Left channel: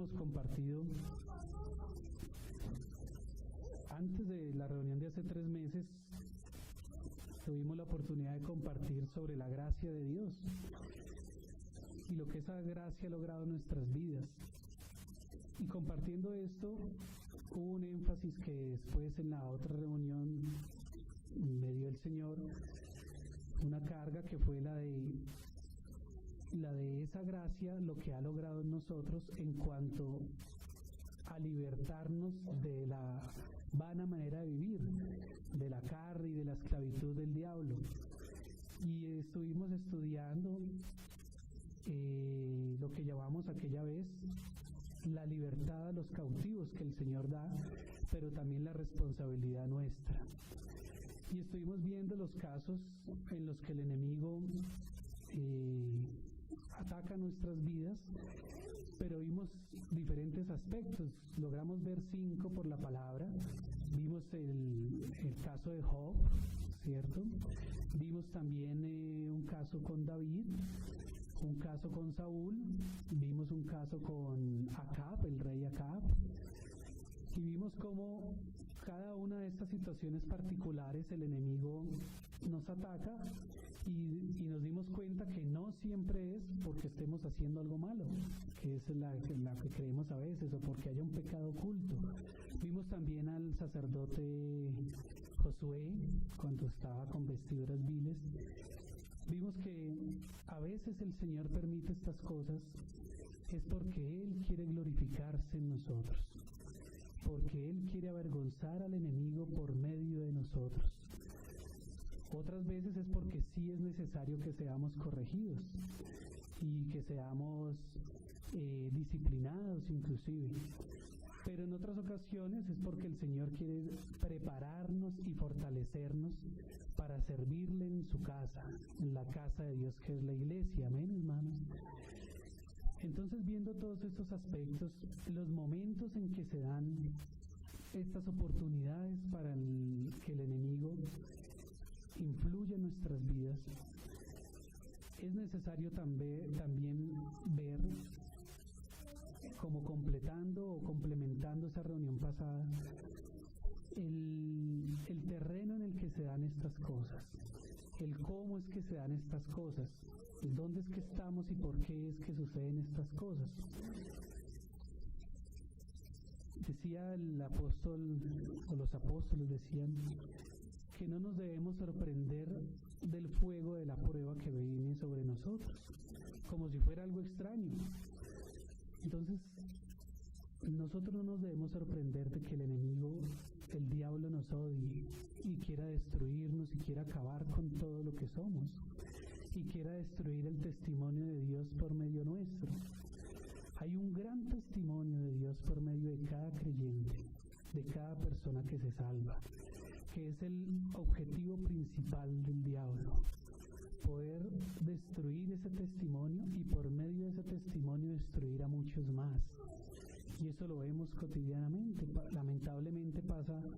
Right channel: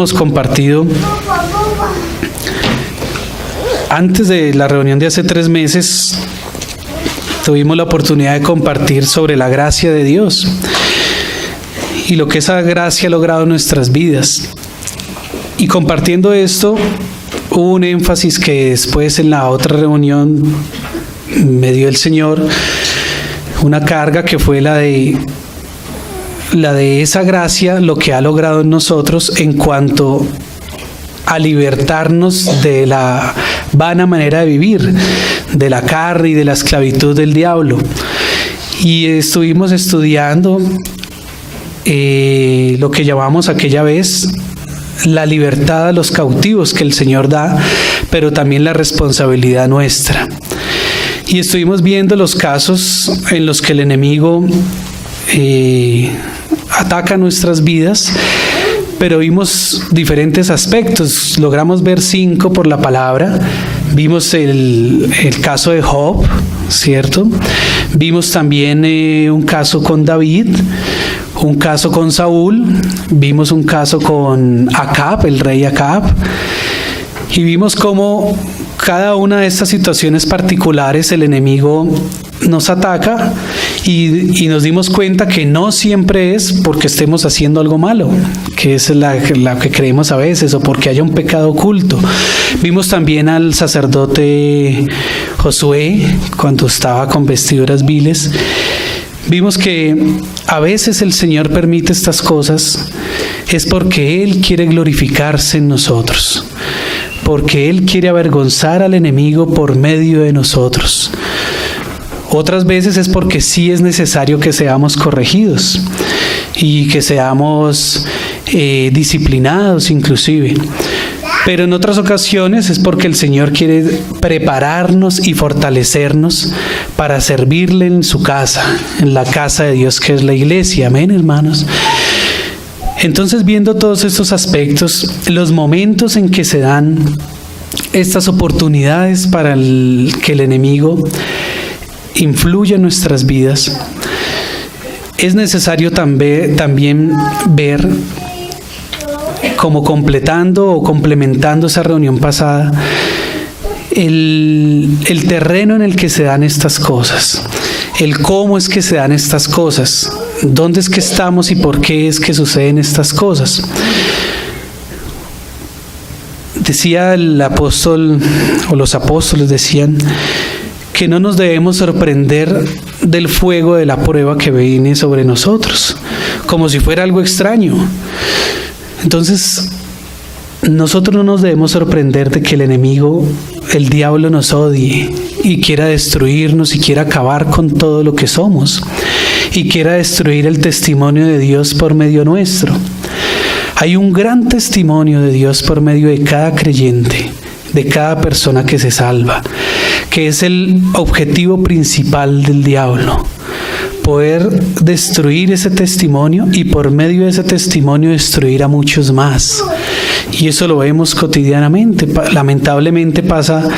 Hemos compartido antes de la reunión de hace 3 meses. Tuvimos la oportunidad de compartir sobre la gracia de Dios y lo que esa gracia ha logrado en nuestras vidas. Y compartiendo esto, hubo un énfasis que después en la otra reunión me dio el Señor, una carga que fue la de esa gracia, lo que ha logrado en nosotros en cuanto a libertarnos de la vana manera de vivir, de la carne y de la esclavitud del diablo. Y estuvimos estudiando lo que llamamos aquella vez la libertad a los cautivos que el Señor da, pero también la responsabilidad nuestra. Y estuvimos viendo los casos en los que el enemigo ataca nuestras vidas, pero vimos diferentes aspectos. Logramos ver 5 por la palabra. Vimos el caso de Job, ¿cierto? Vimos también un caso con David, un caso con Saúl, vimos un caso con Acab, el rey Acab, y vimos cómo cada una de estas situaciones particulares el enemigo nos ataca y nos dimos cuenta que no siempre es porque estemos haciendo algo malo, que es la que creemos a veces, o porque haya un pecado oculto. Vimos también al sacerdote Josué cuando estaba con vestiduras viles. Vimos que a veces el Señor permite estas cosas es porque Él quiere glorificarse en nosotros, porque Él quiere avergonzar al enemigo por medio de nosotros. Otras veces es porque sí es necesario que seamos corregidos y que seamos disciplinados inclusive. Pero en otras ocasiones es porque el Señor quiere prepararnos y fortalecernos para servirle en su casa, en la casa de Dios que es la iglesia. Amén, hermanos. Entonces, viendo todos estos aspectos, los momentos en que se dan estas oportunidades para que el enemigo influya en nuestras vidas, es necesario también ver, como completando o complementando esa reunión pasada, el terreno en el que se dan estas cosas, el cómo es que se dan estas cosas, dónde es que estamos y por qué es que suceden estas cosas. Decía el apóstol, o los apóstoles decían, que no nos debemos sorprender del fuego de la prueba que viene sobre nosotros, como si fuera algo extraño. Entonces, nosotros no nos debemos sorprender de que el enemigo, el diablo, nos odie y quiera destruirnos y quiera acabar con todo lo que somos y quiera destruir el testimonio de Dios por medio nuestro. Hay un gran testimonio de Dios por medio de cada creyente, de cada persona que se salva, que es el objetivo principal del diablo: poder destruir ese testimonio y por medio de ese testimonio destruir a muchos más. Y eso lo vemos cotidianamente. Lamentablemente pasa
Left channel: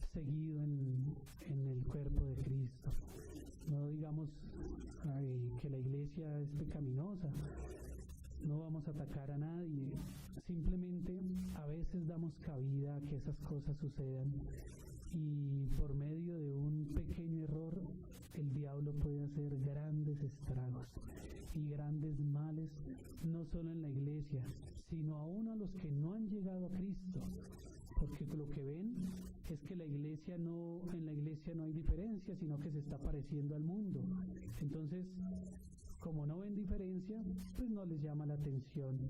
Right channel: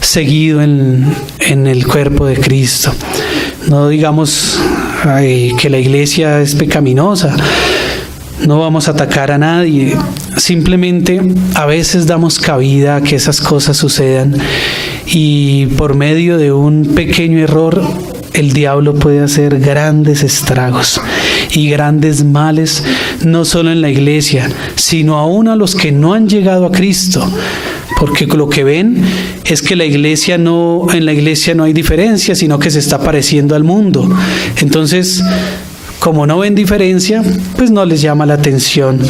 seguido en el cuerpo de Cristo. No digamos que la iglesia es pecaminosa. No vamos a atacar a nadie, simplemente a veces damos cabida a que esas cosas sucedan y por medio de un pequeño error el diablo puede hacer grandes estragos y grandes males, no solo en la iglesia, sino aún a los que no han llegado a Cristo, porque lo que ven es que en la iglesia no hay diferencia, sino que se está pareciendo al mundo. Entonces, como no ven diferencia, pues no les llama la atención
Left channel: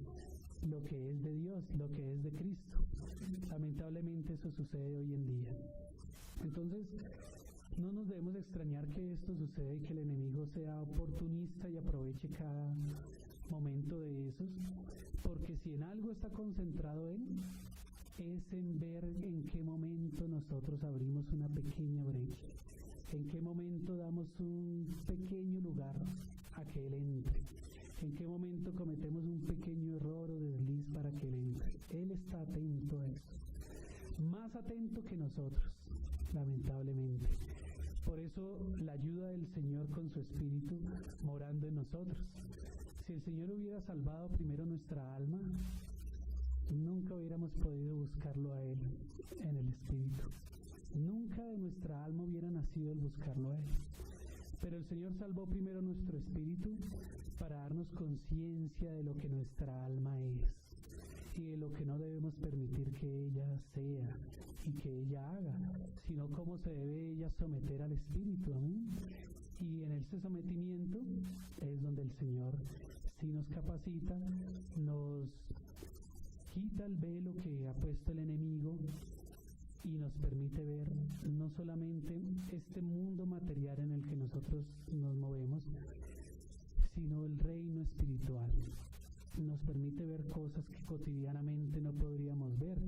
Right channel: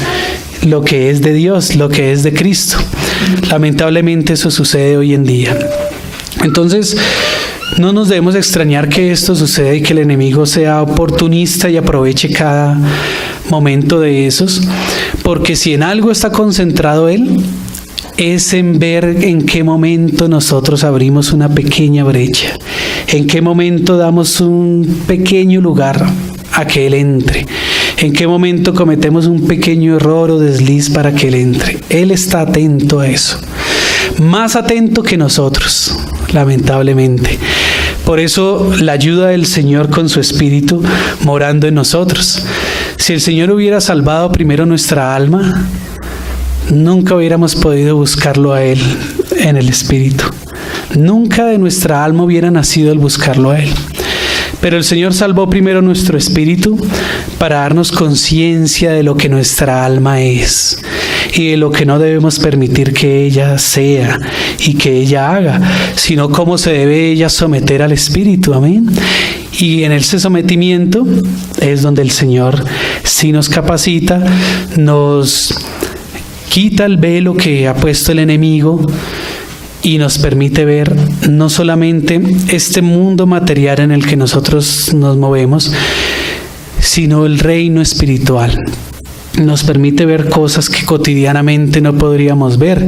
lo que es de Dios, lo que es de Cristo. Lamentablemente eso sucede hoy en día. Entonces, no nos debemos extrañar que esto suceda y que el enemigo sea oportunista y aproveche cada momento de esos, porque si en algo está concentrado él, es en ver en qué momento nosotros abrimos una pequeña brecha, en qué momento damos un pequeño lugar a que Él entre, en qué momento cometemos un pequeño error o desliz para que Él entre. Él está atento a eso, más atento que nosotros, lamentablemente. Por eso la ayuda del Señor con su Espíritu morando en nosotros. Si el Señor hubiera salvado primero nuestra alma, nunca hubiéramos podido buscarlo a Él en el Espíritu. Nunca de nuestra alma hubiera nacido el buscarlo a Él. Pero el Señor salvó primero nuestro espíritu para darnos conciencia de lo que nuestra alma es y de lo que no debemos permitir que ella sea y que ella haga, sino cómo se debe ella someter al Espíritu. Amén. Y en ese sometimiento es donde el Señor sí nos capacita, nos quita el velo que ha puesto el enemigo y nos permite ver no solamente este mundo material en el que nosotros nos movemos, sino el reino espiritual. Nos permite ver cosas que cotidianamente no podríamos ver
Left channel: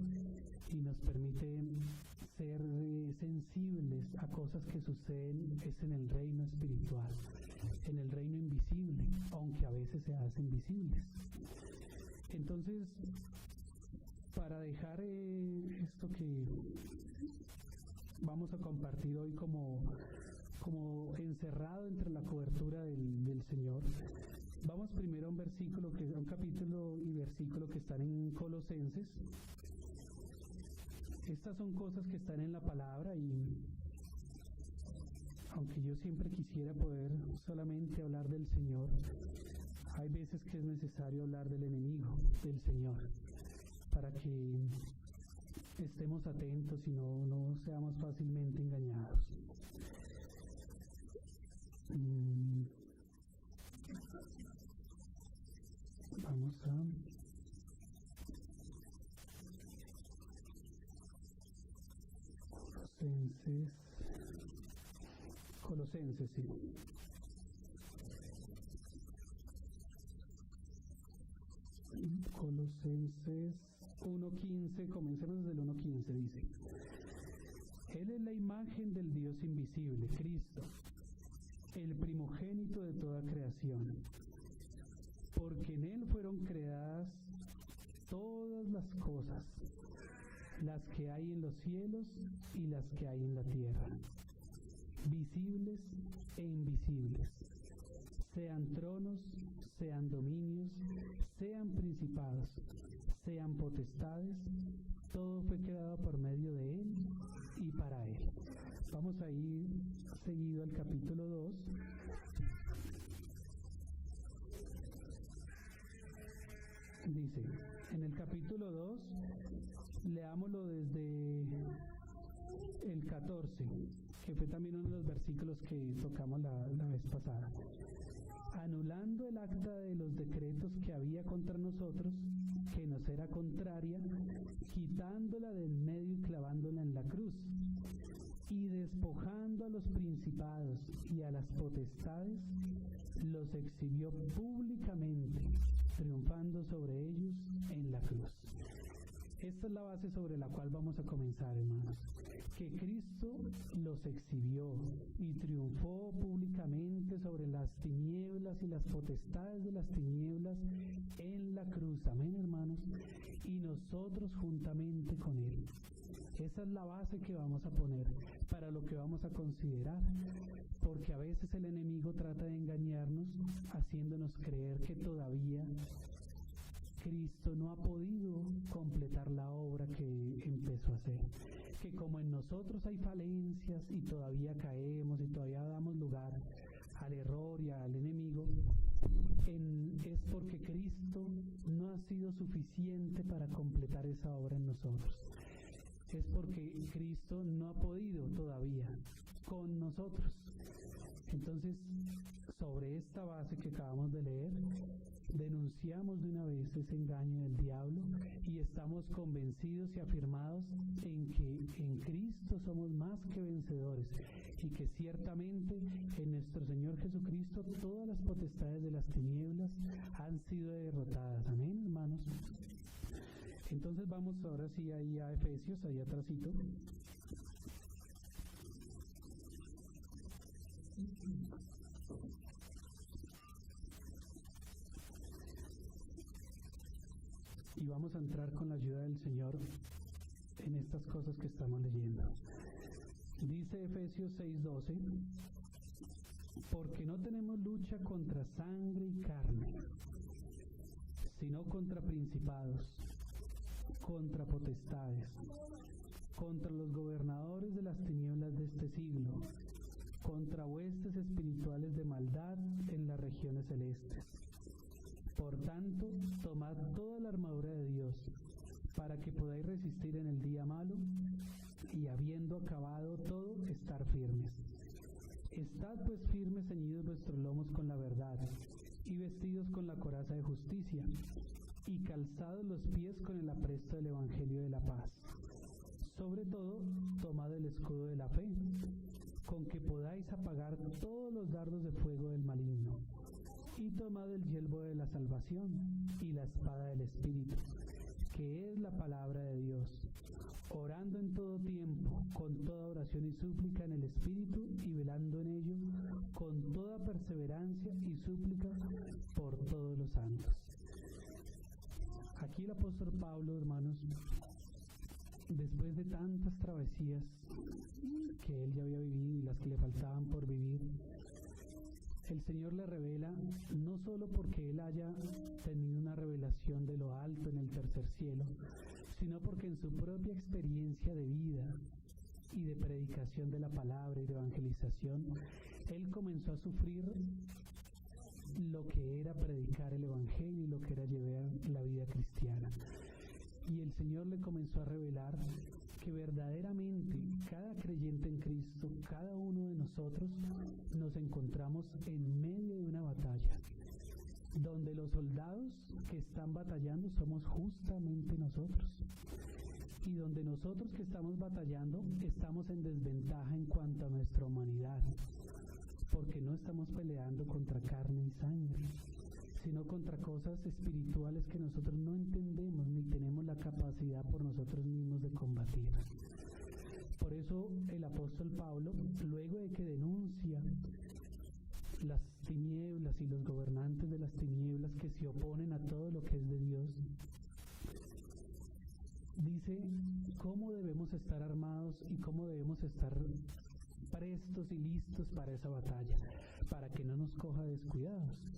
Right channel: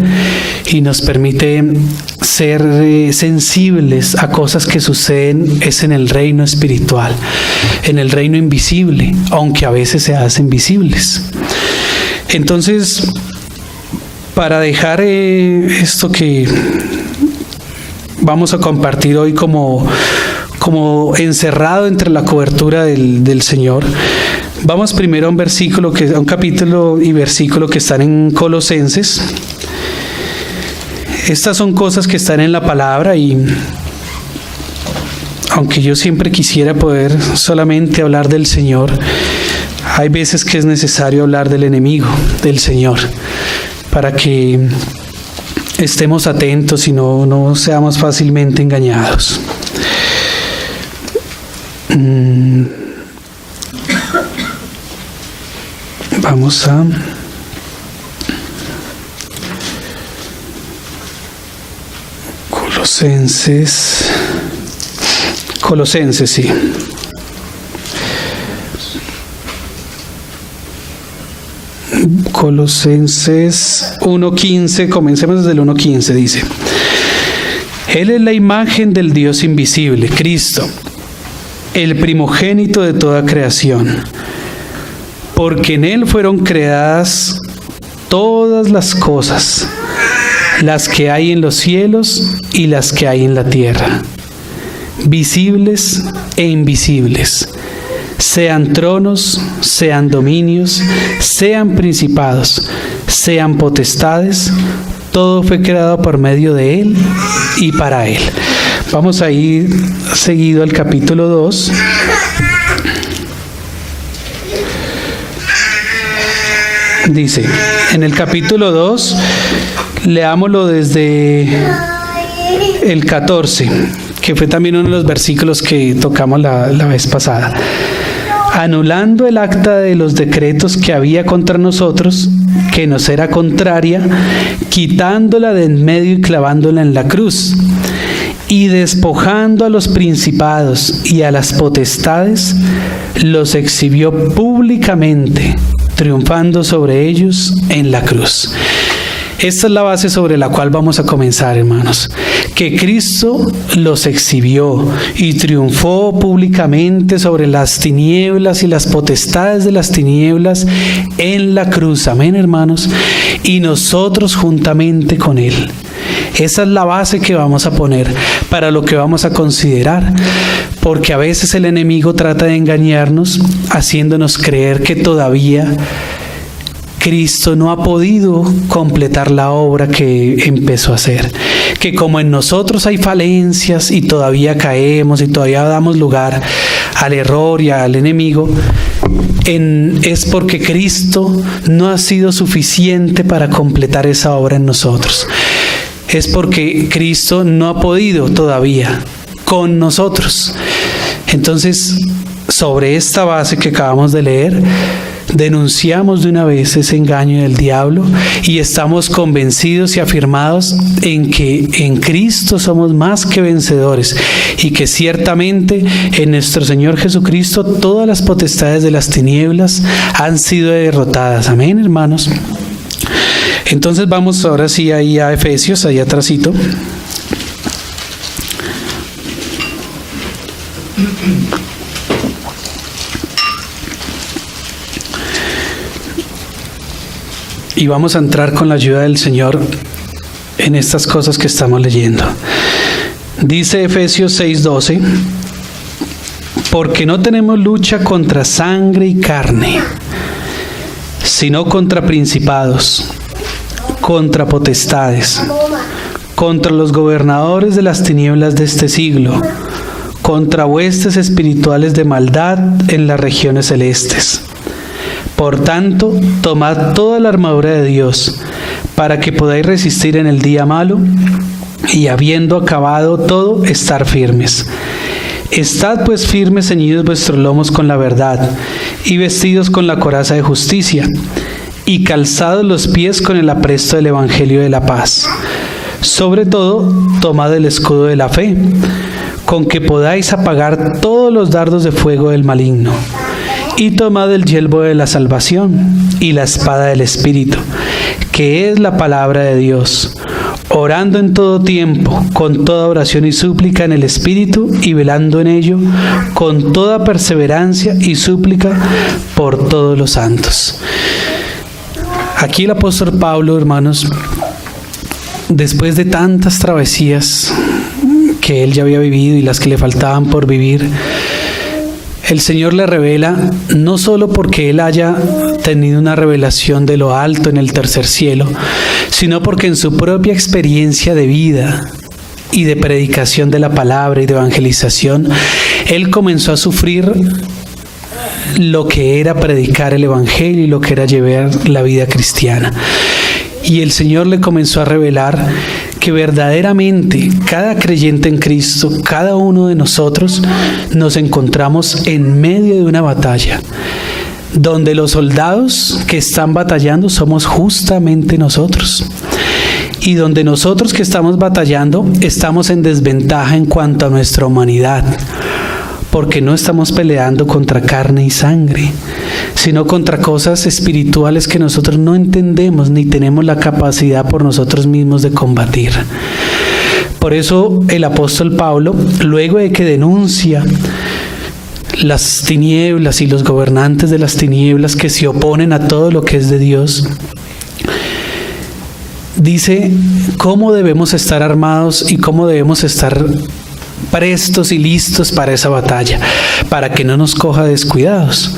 y nos permite ser sensibles a cosas que suceden es en el reino espiritual, en el reino invisible, aunque a veces se hacen visibles. Entonces, para dejar esto que vamos a compartir hoy como encerrado entre la cobertura del Señor, vamos primero a un capítulo y versículo que están en Colosenses. Estas son cosas que están en la palabra y aunque yo siempre quisiera poder solamente hablar del Señor, hay veces que es necesario hablar del enemigo, del Señor, para que estemos atentos y no seamos fácilmente engañados. Vamos a Colosenses, sí. Colosenses 1:15, comencemos desde el 1:15, dice: Él es la imagen del Dios invisible, Cristo, el primogénito de toda creación, porque en Él fueron creadas todas las cosas, las que hay en los cielos y las que hay en la tierra, visibles e invisibles, sean tronos, sean dominios, sean principados, sean potestades, todo fue creado por medio de Él y para Él. Vamos a ir seguido al capítulo 2. Dice, en el capítulo 2, leámoslo desde el 14, que fue también uno de los versículos que tocamos la vez pasada. Anulando el acta de los decretos que había contra nosotros, que nos era contraria, quitándola de en medio y clavándola en la cruz, y despojando a los principados y a las potestades, los exhibió públicamente, triunfando sobre ellos en la cruz. Esta es la base sobre la cual vamos a comenzar, hermanos. Que Cristo los exhibió y triunfó públicamente sobre las tinieblas y las potestades de las tinieblas en la cruz. Amén, hermanos. Y nosotros juntamente con Él. Esa es la base que vamos a poner para lo que vamos a considerar. Porque a veces el enemigo trata de engañarnos, haciéndonos creer que todavía Cristo no ha podido completar la obra que empezó a hacer, que como en nosotros hay falencias y todavía caemos y todavía damos lugar al error y al enemigo, es porque Cristo no ha sido suficiente para completar esa obra en nosotros. Es porque Cristo no ha podido todavía con nosotros. Entonces, sobre esta base que acabamos de leer, denunciamos de una vez ese engaño del diablo y estamos convencidos y afirmados en que en Cristo somos más que vencedores y que ciertamente en nuestro Señor Jesucristo todas las potestades de las tinieblas han sido derrotadas. Amén, hermanos. Entonces vamos ahora sí ahí a Efesios, ahí atrásito. Y vamos a entrar con la ayuda del Señor en estas cosas que estamos leyendo. Dice Efesios 6:12, porque no tenemos lucha contra sangre y carne, sino contra principados, contra potestades, contra los gobernadores de las tinieblas de este siglo, contra huestes espirituales de maldad en las regiones celestes. Por tanto, tomad toda la armadura de Dios, para que podáis resistir en el día malo, y habiendo acabado todo, estar firmes. Estad pues firmes, ceñidos vuestros lomos con la verdad, y vestidos con la coraza de justicia, y calzados los pies con el apresto del evangelio de la paz. Sobre todo, tomad el escudo de la fe, con que podáis apagar todos los dardos de fuego del maligno. Y tomad el yelmo de la salvación y la espada del Espíritu, que es la palabra de Dios, orando en todo tiempo, con toda oración y súplica en el Espíritu, y velando en ello, con toda perseverancia y súplica por todos los santos. Aquí el apóstol Pablo, hermanos, después de tantas travesías que él ya había vivido y las que le faltaban por vivir, el Señor le revela, no solo porque él haya tenido una revelación de lo alto en el tercer cielo, sino porque en su propia experiencia de vida y de predicación de la palabra y de evangelización, él comenzó a sufrir lo que era predicar el evangelio y lo que era llevar la vida cristiana. Y el Señor le comenzó a revelar que verdaderamente cada creyente en Cristo, cada uno de nosotros, nos encontramos en medio de una batalla, donde los soldados que están batallando somos justamente nosotros. Y donde nosotros que estamos batallando estamos en desventaja en cuanto a nuestra humanidad, porque no estamos peleando contra carne y sangre, sino contra cosas espirituales que nosotros no entendemos ni tenemos la capacidad por nosotros mismos de combatir. Por eso el apóstol Pablo, luego de que denuncia las tinieblas y los gobernantes de las tinieblas que se oponen a todo lo que es de Dios, dice cómo debemos estar armados y cómo debemos estar prestos y listos para esa batalla, para que no nos coja descuidados.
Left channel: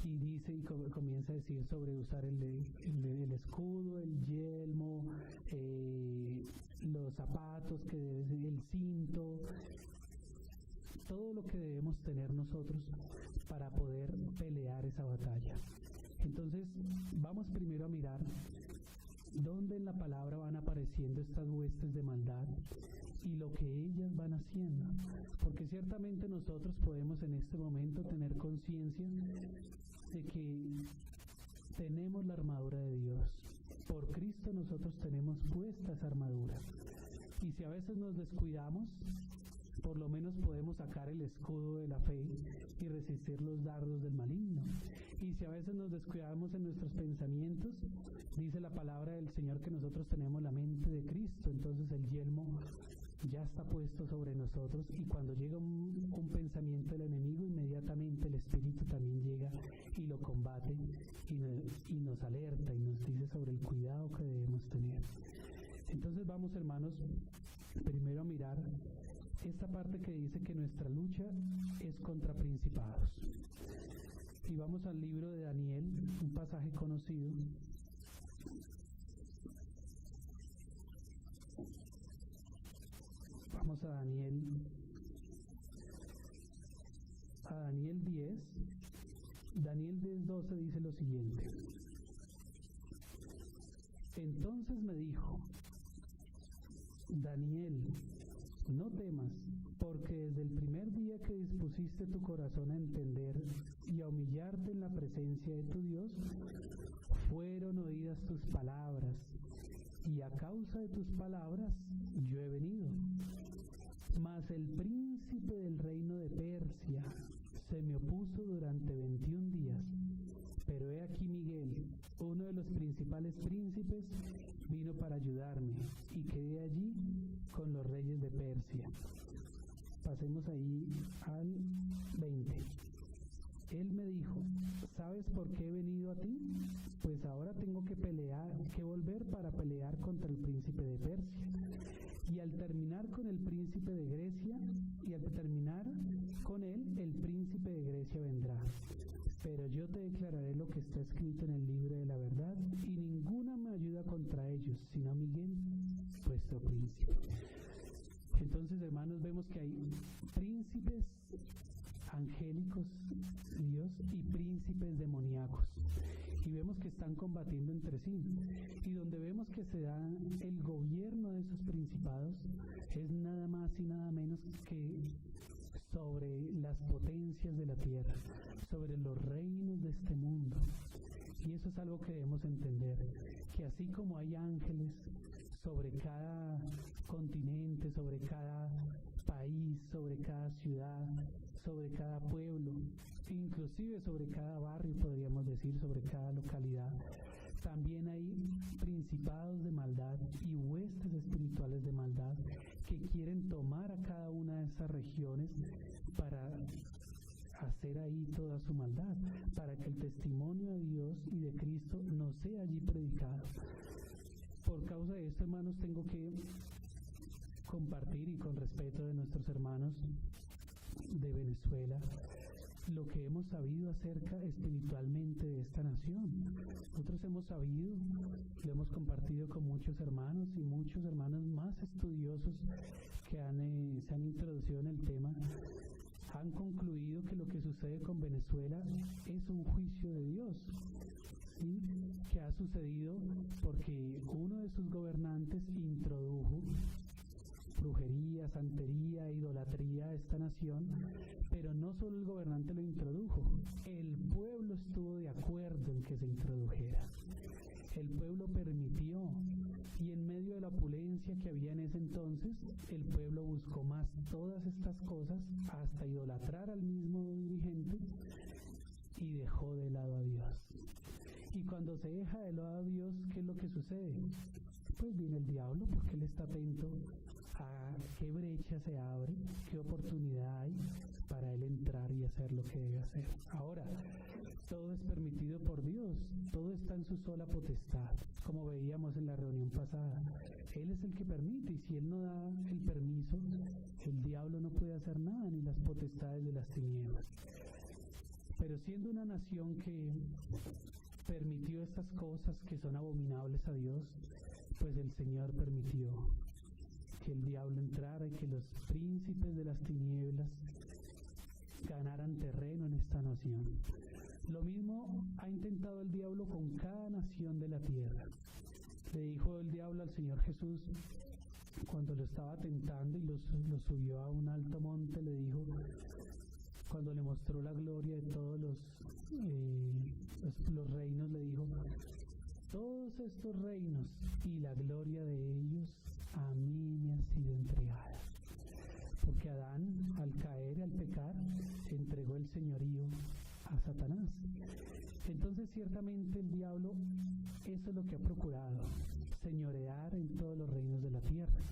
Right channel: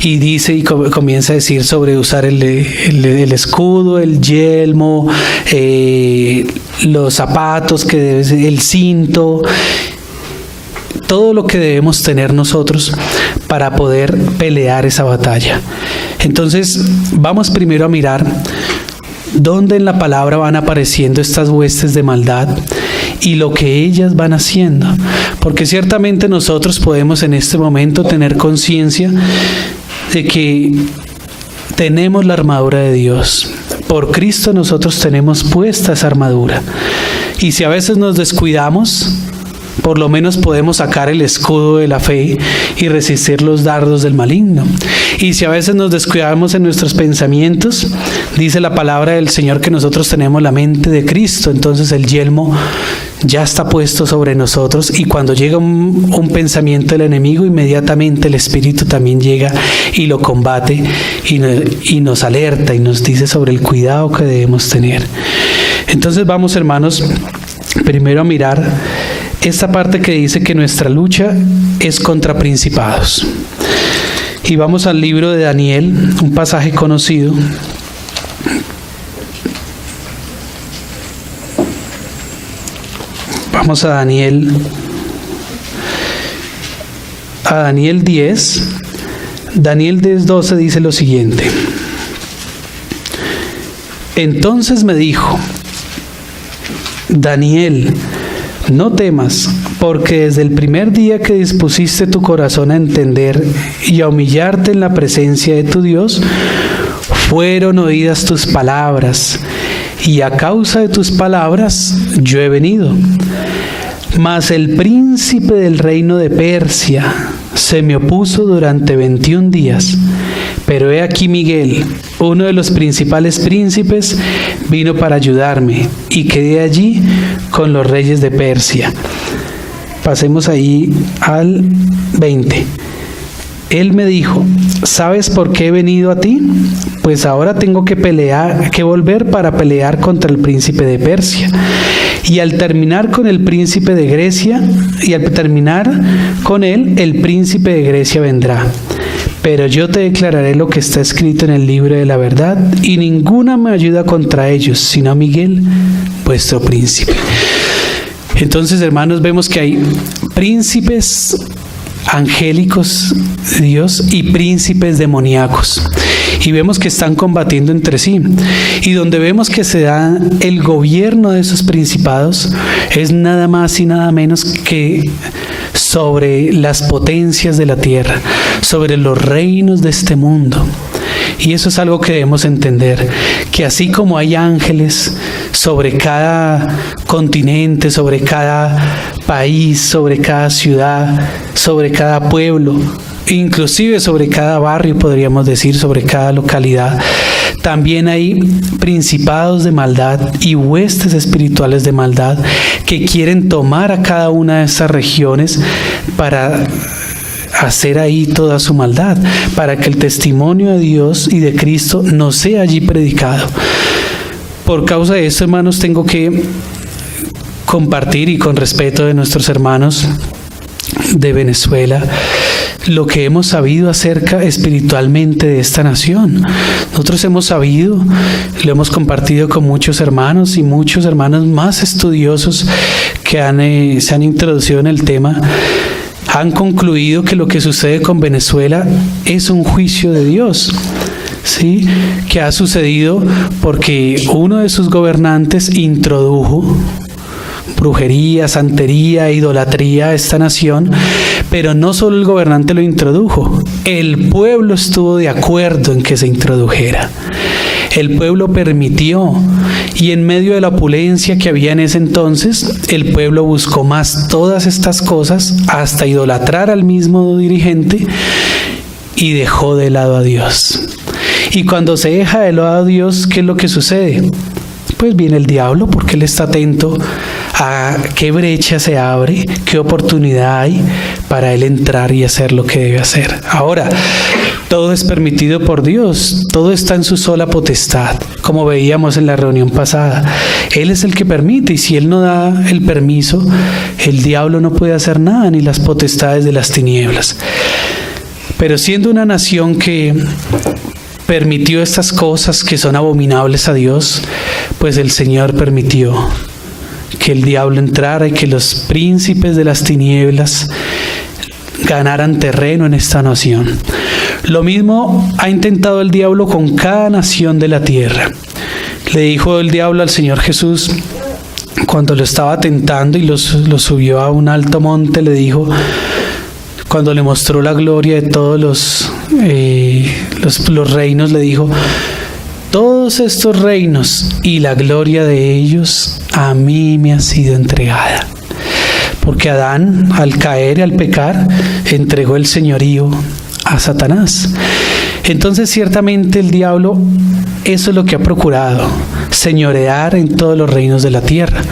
Y dice y comienza a decir sobre usar el escudo, el yelmo, los zapatos, el cinto, todo lo que debemos tener nosotros para poder pelear esa batalla. Entonces, vamos primero a mirar dónde en la palabra van apareciendo estas huestes de maldad y lo que ellas van haciendo, porque ciertamente nosotros podemos en este momento tener conciencia de que tenemos la armadura de Dios. Por Cristo nosotros tenemos puesta esa armadura, y si a veces nos descuidamos, por lo menos podemos sacar el escudo de la fe y resistir los dardos del maligno. Y si a veces nos descuidamos en nuestros pensamientos, dice la palabra del Señor que nosotros tenemos la mente de Cristo, entonces el yelmo ya está puesto sobre nosotros, y cuando llega un pensamiento del enemigo, inmediatamente el Espíritu también llega y lo combate y nos alerta y nos dice sobre el cuidado que debemos tener. Entonces vamos, hermanos, primero a mirar esta parte que dice que nuestra lucha es contra principados. Y vamos al libro de Daniel, un pasaje conocido. Vamos a Daniel 10. Daniel 10:12 dice lo siguiente: entonces me dijo, Daniel, no temas, porque desde el primer día que dispusiste tu corazón a entender y a humillarte en la presencia de tu Dios, fueron oídas tus palabras, y a causa de tus palabras yo he venido. Mas el príncipe del reino de Persia se me opuso durante 21 días. Pero he aquí Miguel, uno de los principales príncipes, vino para ayudarme, y quedé allí con los reyes de Persia. Pasemos ahí al 20. Él me dijo, ¿sabes por qué he venido a ti? Pues ahora tengo que volver para pelear contra el príncipe de Persia. Y al terminar con el príncipe de Grecia, el príncipe de Grecia vendrá. pero yo te declararé lo que está escrito en el libro de la verdad, y ninguna me ayuda contra ellos, sino Miguel, vuestro príncipe. Entonces, hermanos, vemos que hay príncipes angélicos de Dios y príncipes demoníacos, y vemos que están combatiendo entre sí, y donde vemos que se da el gobierno de esos principados es nada más y nada menos que sobre las potencias de la tierra, sobre los reinos de este mundo. Y eso es algo que debemos entender, que así como hay ángeles sobre cada continente, sobre cada país, sobre cada ciudad, sobre cada pueblo, inclusive sobre cada barrio, podríamos decir, sobre cada localidad, también hay principados de maldad y huestes espirituales de maldad que quieren tomar a cada una de estas regiones para hacer ahí toda su maldad, para que el testimonio de Dios y de Cristo no sea allí predicado. Por causa de esto, hermanos, tengo que compartir, y con respeto de nuestros hermanos de Venezuela, lo que hemos sabido acerca espiritualmente de esta nación. Nosotros hemos sabido, lo hemos compartido con muchos hermanos y muchos hermanos más estudiosos que se han introducido en el tema, han concluido que lo que sucede con Venezuela es un juicio de Dios, ¿sí? Que ha sucedido porque uno de sus gobernantes introdujo brujería, santería, idolatría a esta nación, pero no solo el gobernante lo introdujo, el pueblo estuvo de acuerdo en que se introdujera. El pueblo permitió, y en medio de la opulencia que había en ese entonces, el pueblo buscó más todas estas cosas hasta idolatrar al mismo dirigente y dejó de lado a Dios. Y cuando se deja de lado a Dios, ¿qué es lo que sucede? Pues viene el diablo, porque él está atento a qué brecha se abre, qué oportunidad hay para él entrar y hacer lo que debe hacer. Ahora, todo es permitido por Dios, todo está en su sola potestad, como veíamos en la reunión pasada. Él es el que permite, y si él no da el permiso, el diablo no puede hacer nada, ni las potestades de las tinieblas. Pero siendo una nación que permitió estas cosas que son abominables a Dios, pues el Señor permitió que el diablo entrara y que los príncipes de las tinieblas ganaran terreno en esta nación. Lo mismo ha intentado el diablo con cada nación de la tierra. Le dijo el diablo al Señor Jesús, cuando lo estaba tentando y lo subió a un alto monte, le dijo, cuando le mostró la gloria de todos los reinos, le dijo, todos estos reinos y la gloria de ellos a mí me ha sido entregada. Porque Adán, al caer y al pecar, entregó el señorío a Satanás. Entonces, ciertamente el diablo, eso es lo que ha procurado, señorear en todos los reinos de la tierra.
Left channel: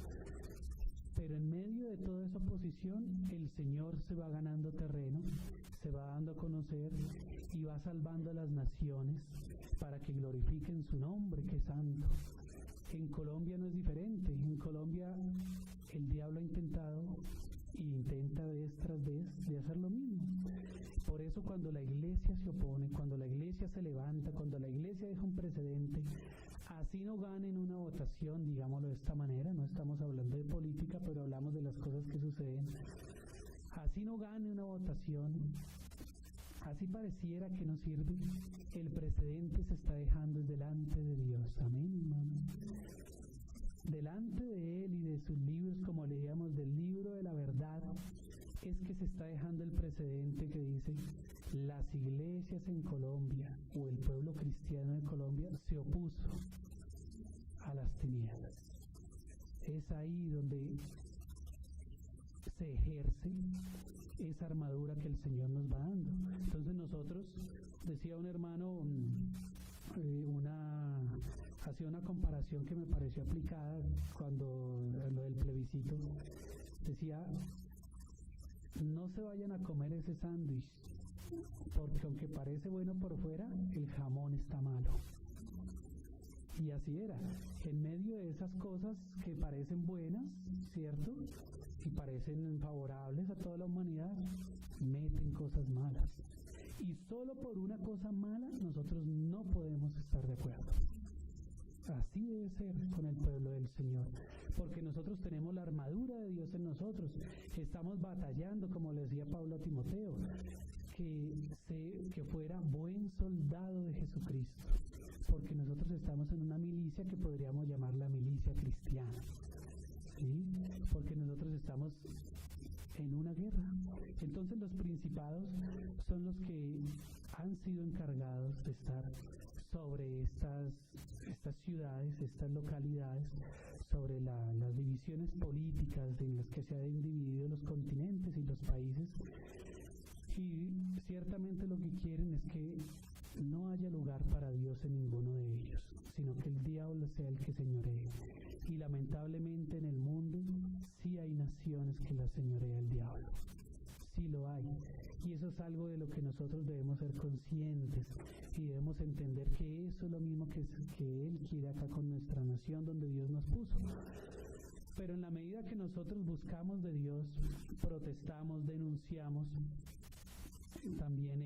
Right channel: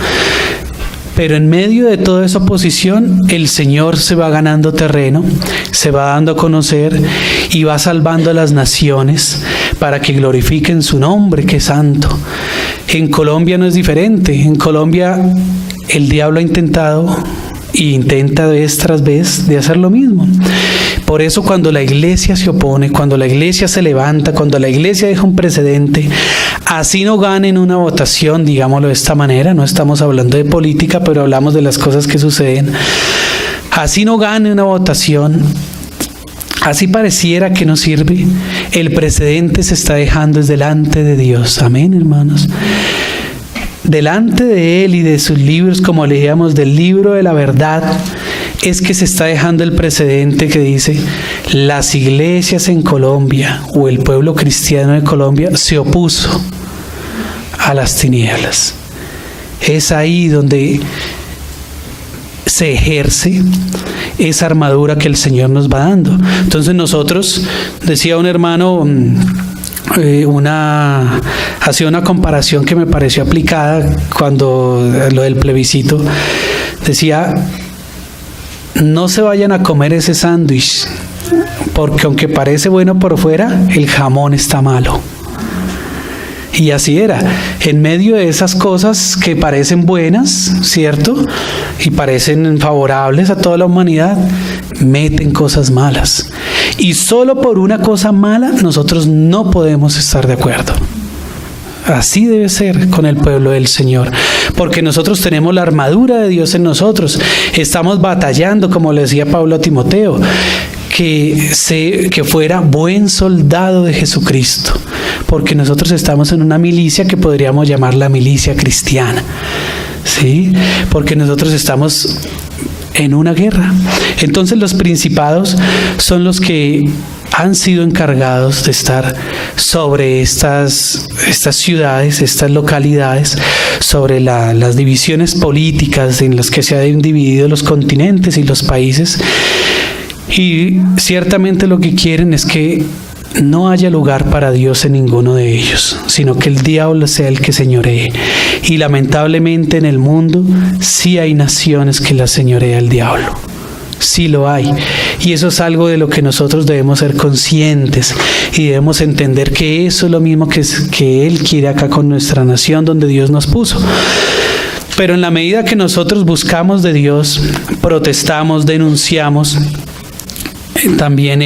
Pero en medio de toda esa oposición, el Señor se va ganando terreno, se va dando a conocer y va salvando a las naciones para que glorifiquen su nombre, que es santo. En Colombia no es diferente. En Colombia el diablo ha intentado y intenta vez tras vez de hacer lo mismo. Por eso cuando la iglesia se opone, cuando la iglesia se levanta, cuando la iglesia deja un precedente, así no gane en una votación, digámoslo de esta manera, no estamos hablando de política, pero hablamos de las cosas que suceden, así no gane una votación, así pareciera que no sirve, el precedente se está dejando es delante de Dios. Amén, hermanos. Delante de Él y de sus libros, como leíamos del libro de la verdad, es que se está dejando el precedente que dice, las iglesias en Colombia o el pueblo cristiano de Colombia se opuso a las tinieblas. Es ahí donde se ejerce esa armadura que el Señor nos va dando. Entonces nosotros, decía un hermano, hacía una comparación que me pareció aplicada cuando lo del plebiscito. Decía, no se vayan a comer ese sándwich, porque aunque parece bueno por fuera, el jamón está malo. Y así era. En medio de esas cosas que parecen buenas, ¿cierto? Y parecen favorables a toda la humanidad, meten cosas malas. Y solo por una cosa mala nosotros no podemos estar de acuerdo. Así debe ser con el pueblo del Señor, porque nosotros tenemos la armadura de Dios en nosotros. Estamos batallando, como le decía Pablo a Timoteo, que fuera buen soldado de Jesucristo, porque nosotros estamos en una milicia que podríamos llamar la milicia cristiana, ¿sí? Porque nosotros estamos en una guerra. Entonces los principados son los que han sido encargados de estar sobre estas ciudades, estas localidades, sobre las divisiones políticas en las que se han dividido los continentes y los países. Y ciertamente lo que quieren es que no haya lugar para Dios en ninguno de ellos, sino que el diablo sea el que señoree. Y lamentablemente en el mundo sí hay naciones que la señorea el diablo. Sí lo hay. Y eso es algo de lo que nosotros debemos ser conscientes y debemos entender que eso es lo mismo que Él quiere acá con nuestra nación donde Dios nos puso. Pero en la medida que nosotros buscamos de Dios, protestamos, denunciamos, también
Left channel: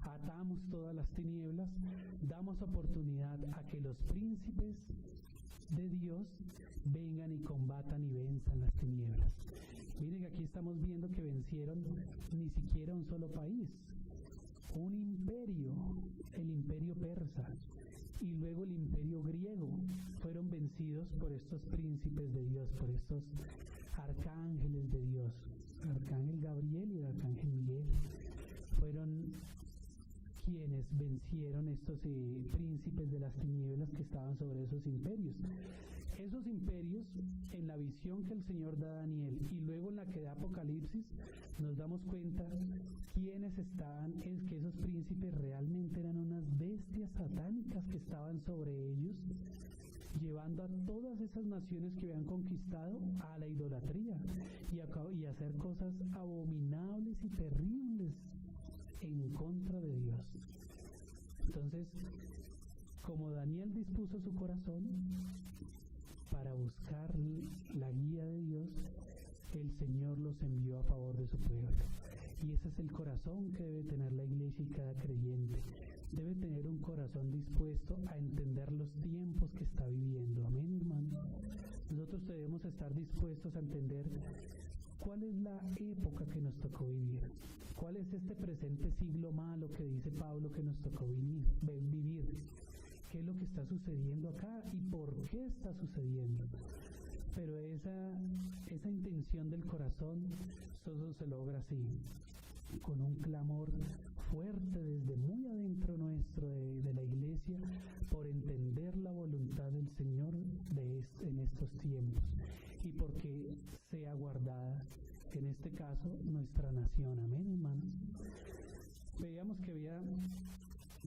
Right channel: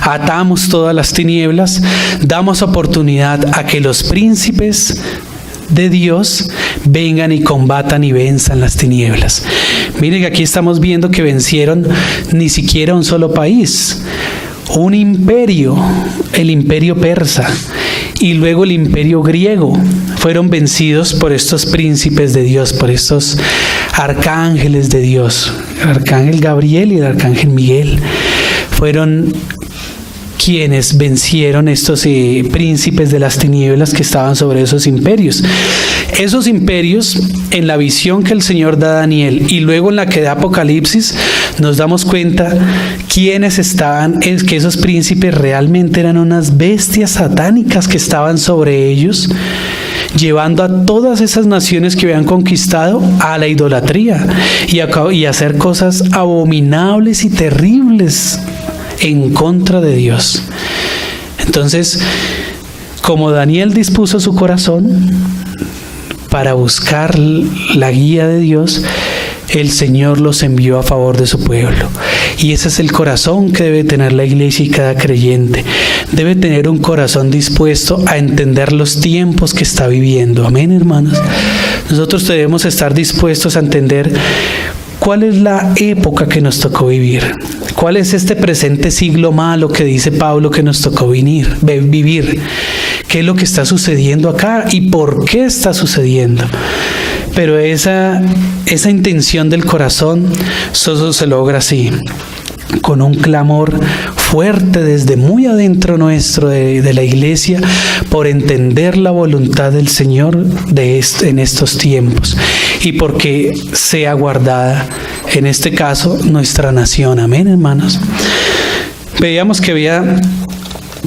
atamos todas las tinieblas, damos oportunidad a que los príncipes de Dios vengan y combatan y venzan las tinieblas. Miren que aquí estamos viendo que vencieron ni siquiera un solo país, un imperio, el imperio persa y luego el imperio griego, fueron vencidos por estos príncipes de Dios, por estos arcángeles de Dios, el arcángel Gabriel y el arcángel Miguel. Fueron quienes vencieron estos príncipes de las tinieblas que estaban sobre esos imperios. Esos imperios, en la visión que el Señor da a Daniel y luego en la que da Apocalipsis, nos damos cuenta quiénes estaban, es que esos príncipes realmente eran unas bestias satánicas que estaban sobre ellos, llevando a todas esas naciones que habían conquistado a la idolatría y a hacer cosas abominables y terribles en contra de Dios. Entonces, como Daniel dispuso su corazón para buscar la guía de Dios, el Señor los envió a favor de su pueblo. Y ese es el corazón que debe tener la iglesia y cada creyente. Debe tener un corazón dispuesto a entender los tiempos que está viviendo. Amén, hermanos. Nosotros debemos estar dispuestos a entender cuál es la época que nos tocó vivir. ¿Cuál es este presente siglo malo que dice Pablo que nos tocó vivir? ¿Qué es lo que está sucediendo acá y por qué está sucediendo? Pero esa intención del corazón solo se logra así, con un clamor fuerte desde muy adentro nuestro de la iglesia por entender la voluntad del Señor en estos tiempos y porque sea guardada, en este caso, nuestra nación. Amén, hermanos. Veíamos que había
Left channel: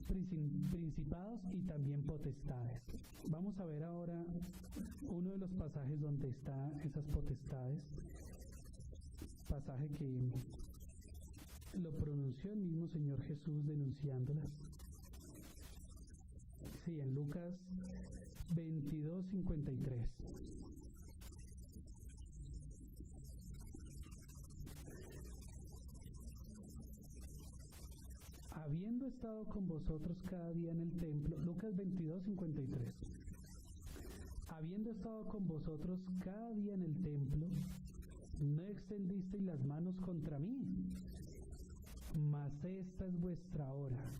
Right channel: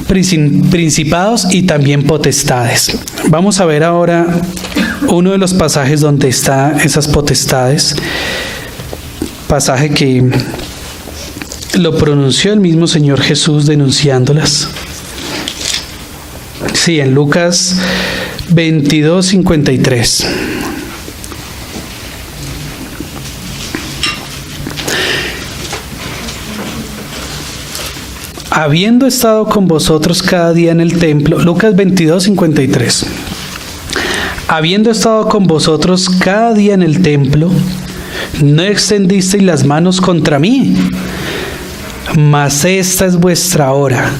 principados y también potestades. Vamos a ver ahora uno de los pasajes donde están esas potestades, pasaje que lo pronunció el mismo Señor Jesús denunciándolas. Sí, en Lucas 22:53. Habiendo estado con vosotros cada día en el templo, Lucas 22:53. Habiendo estado con vosotros cada día en el templo, no extendisteis las manos contra mí, mas esta es vuestra hora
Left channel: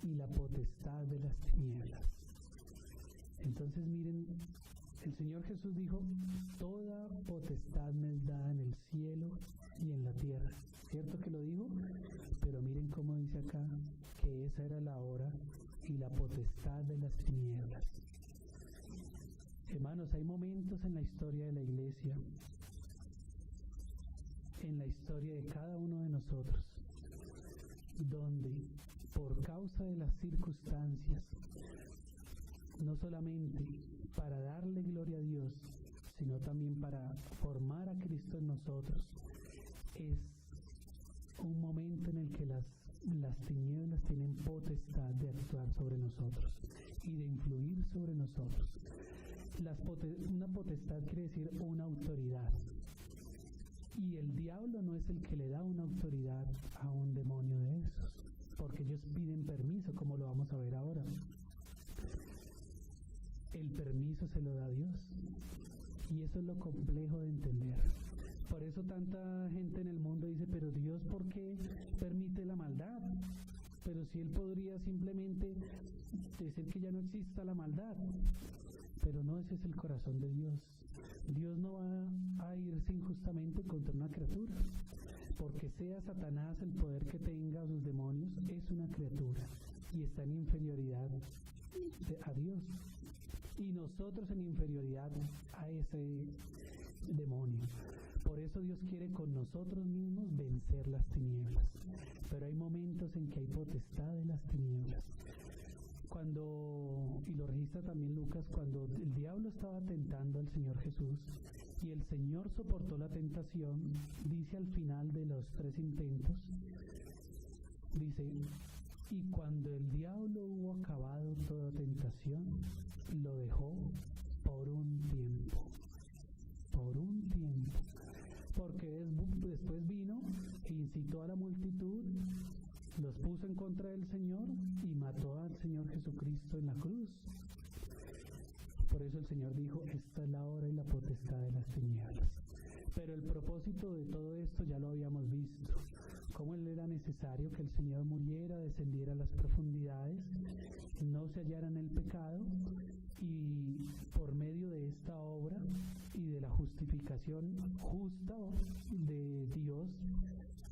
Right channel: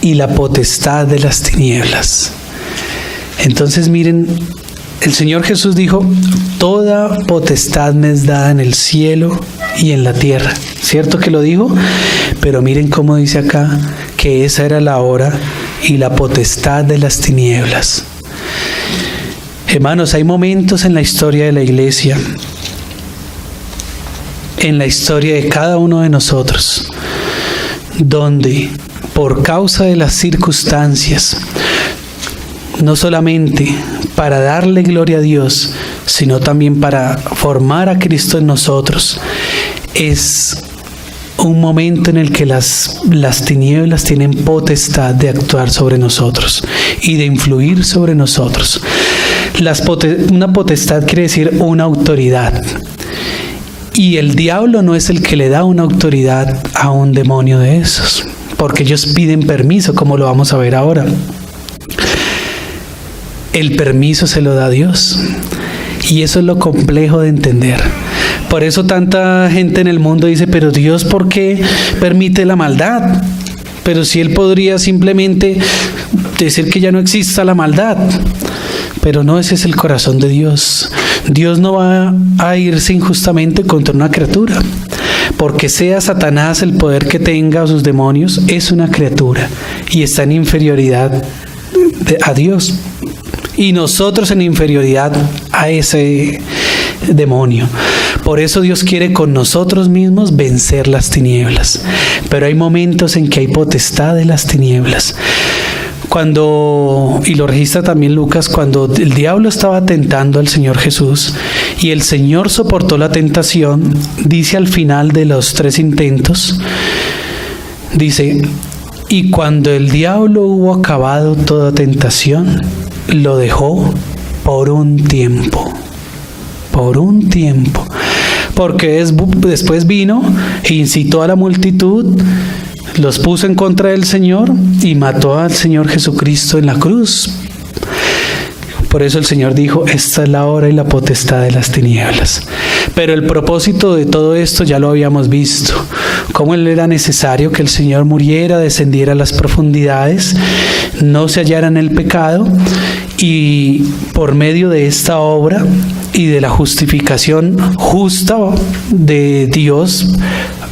y la potestad de las tinieblas. Entonces miren, el Señor Jesús dijo, toda potestad me es dada en el cielo y en la tierra. ¿Cierto que lo dijo? Pero miren cómo dice acá que esa era la hora y la potestad de las tinieblas. Hermanos, hay momentos en la historia de la iglesia, en la historia de cada uno de nosotros, donde por causa de las circunstancias, no solamente para darle gloria a Dios, sino también para formar a Cristo en nosotros, es un momento en el que las tinieblas tienen potestad de actuar sobre nosotros y de influir sobre nosotros. Una potestad quiere decir una autoridad. Y el diablo no es el que le da una autoridad a un demonio de esos, porque ellos piden permiso, como lo vamos a ver ahora. El permiso se lo da Dios. Y eso es lo complejo de entender. Por eso tanta gente en el mundo dice, pero Dios, ¿por qué permite la maldad? Pero si Él podría simplemente decir que ya no exista la maldad. Pero no, ese es el corazón de Dios. Dios no va a irse injustamente contra una criatura. Porque sea Satanás el poder que tenga o sus demonios, es una criatura y está en inferioridad a Dios. Y nosotros en inferioridad a ese demonio. Por eso Dios quiere con nosotros mismos vencer las tinieblas. Pero hay momentos en que hay potestad de las tinieblas. Y lo registra también Lucas, cuando el diablo estaba tentando al Señor Jesús y el Señor soportó la tentación, dice al final de los 3 intentos, dice, y cuando el diablo hubo acabado toda tentación, lo dejó por un tiempo, porque después vino e incitó a la multitud, los puso en contra del Señor y mató al Señor Jesucristo en la cruz. Por eso el Señor dijo, esta es la hora y la potestad de las tinieblas. Pero el propósito de todo esto ya lo habíamos visto. Cómo era necesario que el Señor muriera, descendiera a las profundidades, no se hallara en el pecado, y por medio de esta obra y de la justificación justa de Dios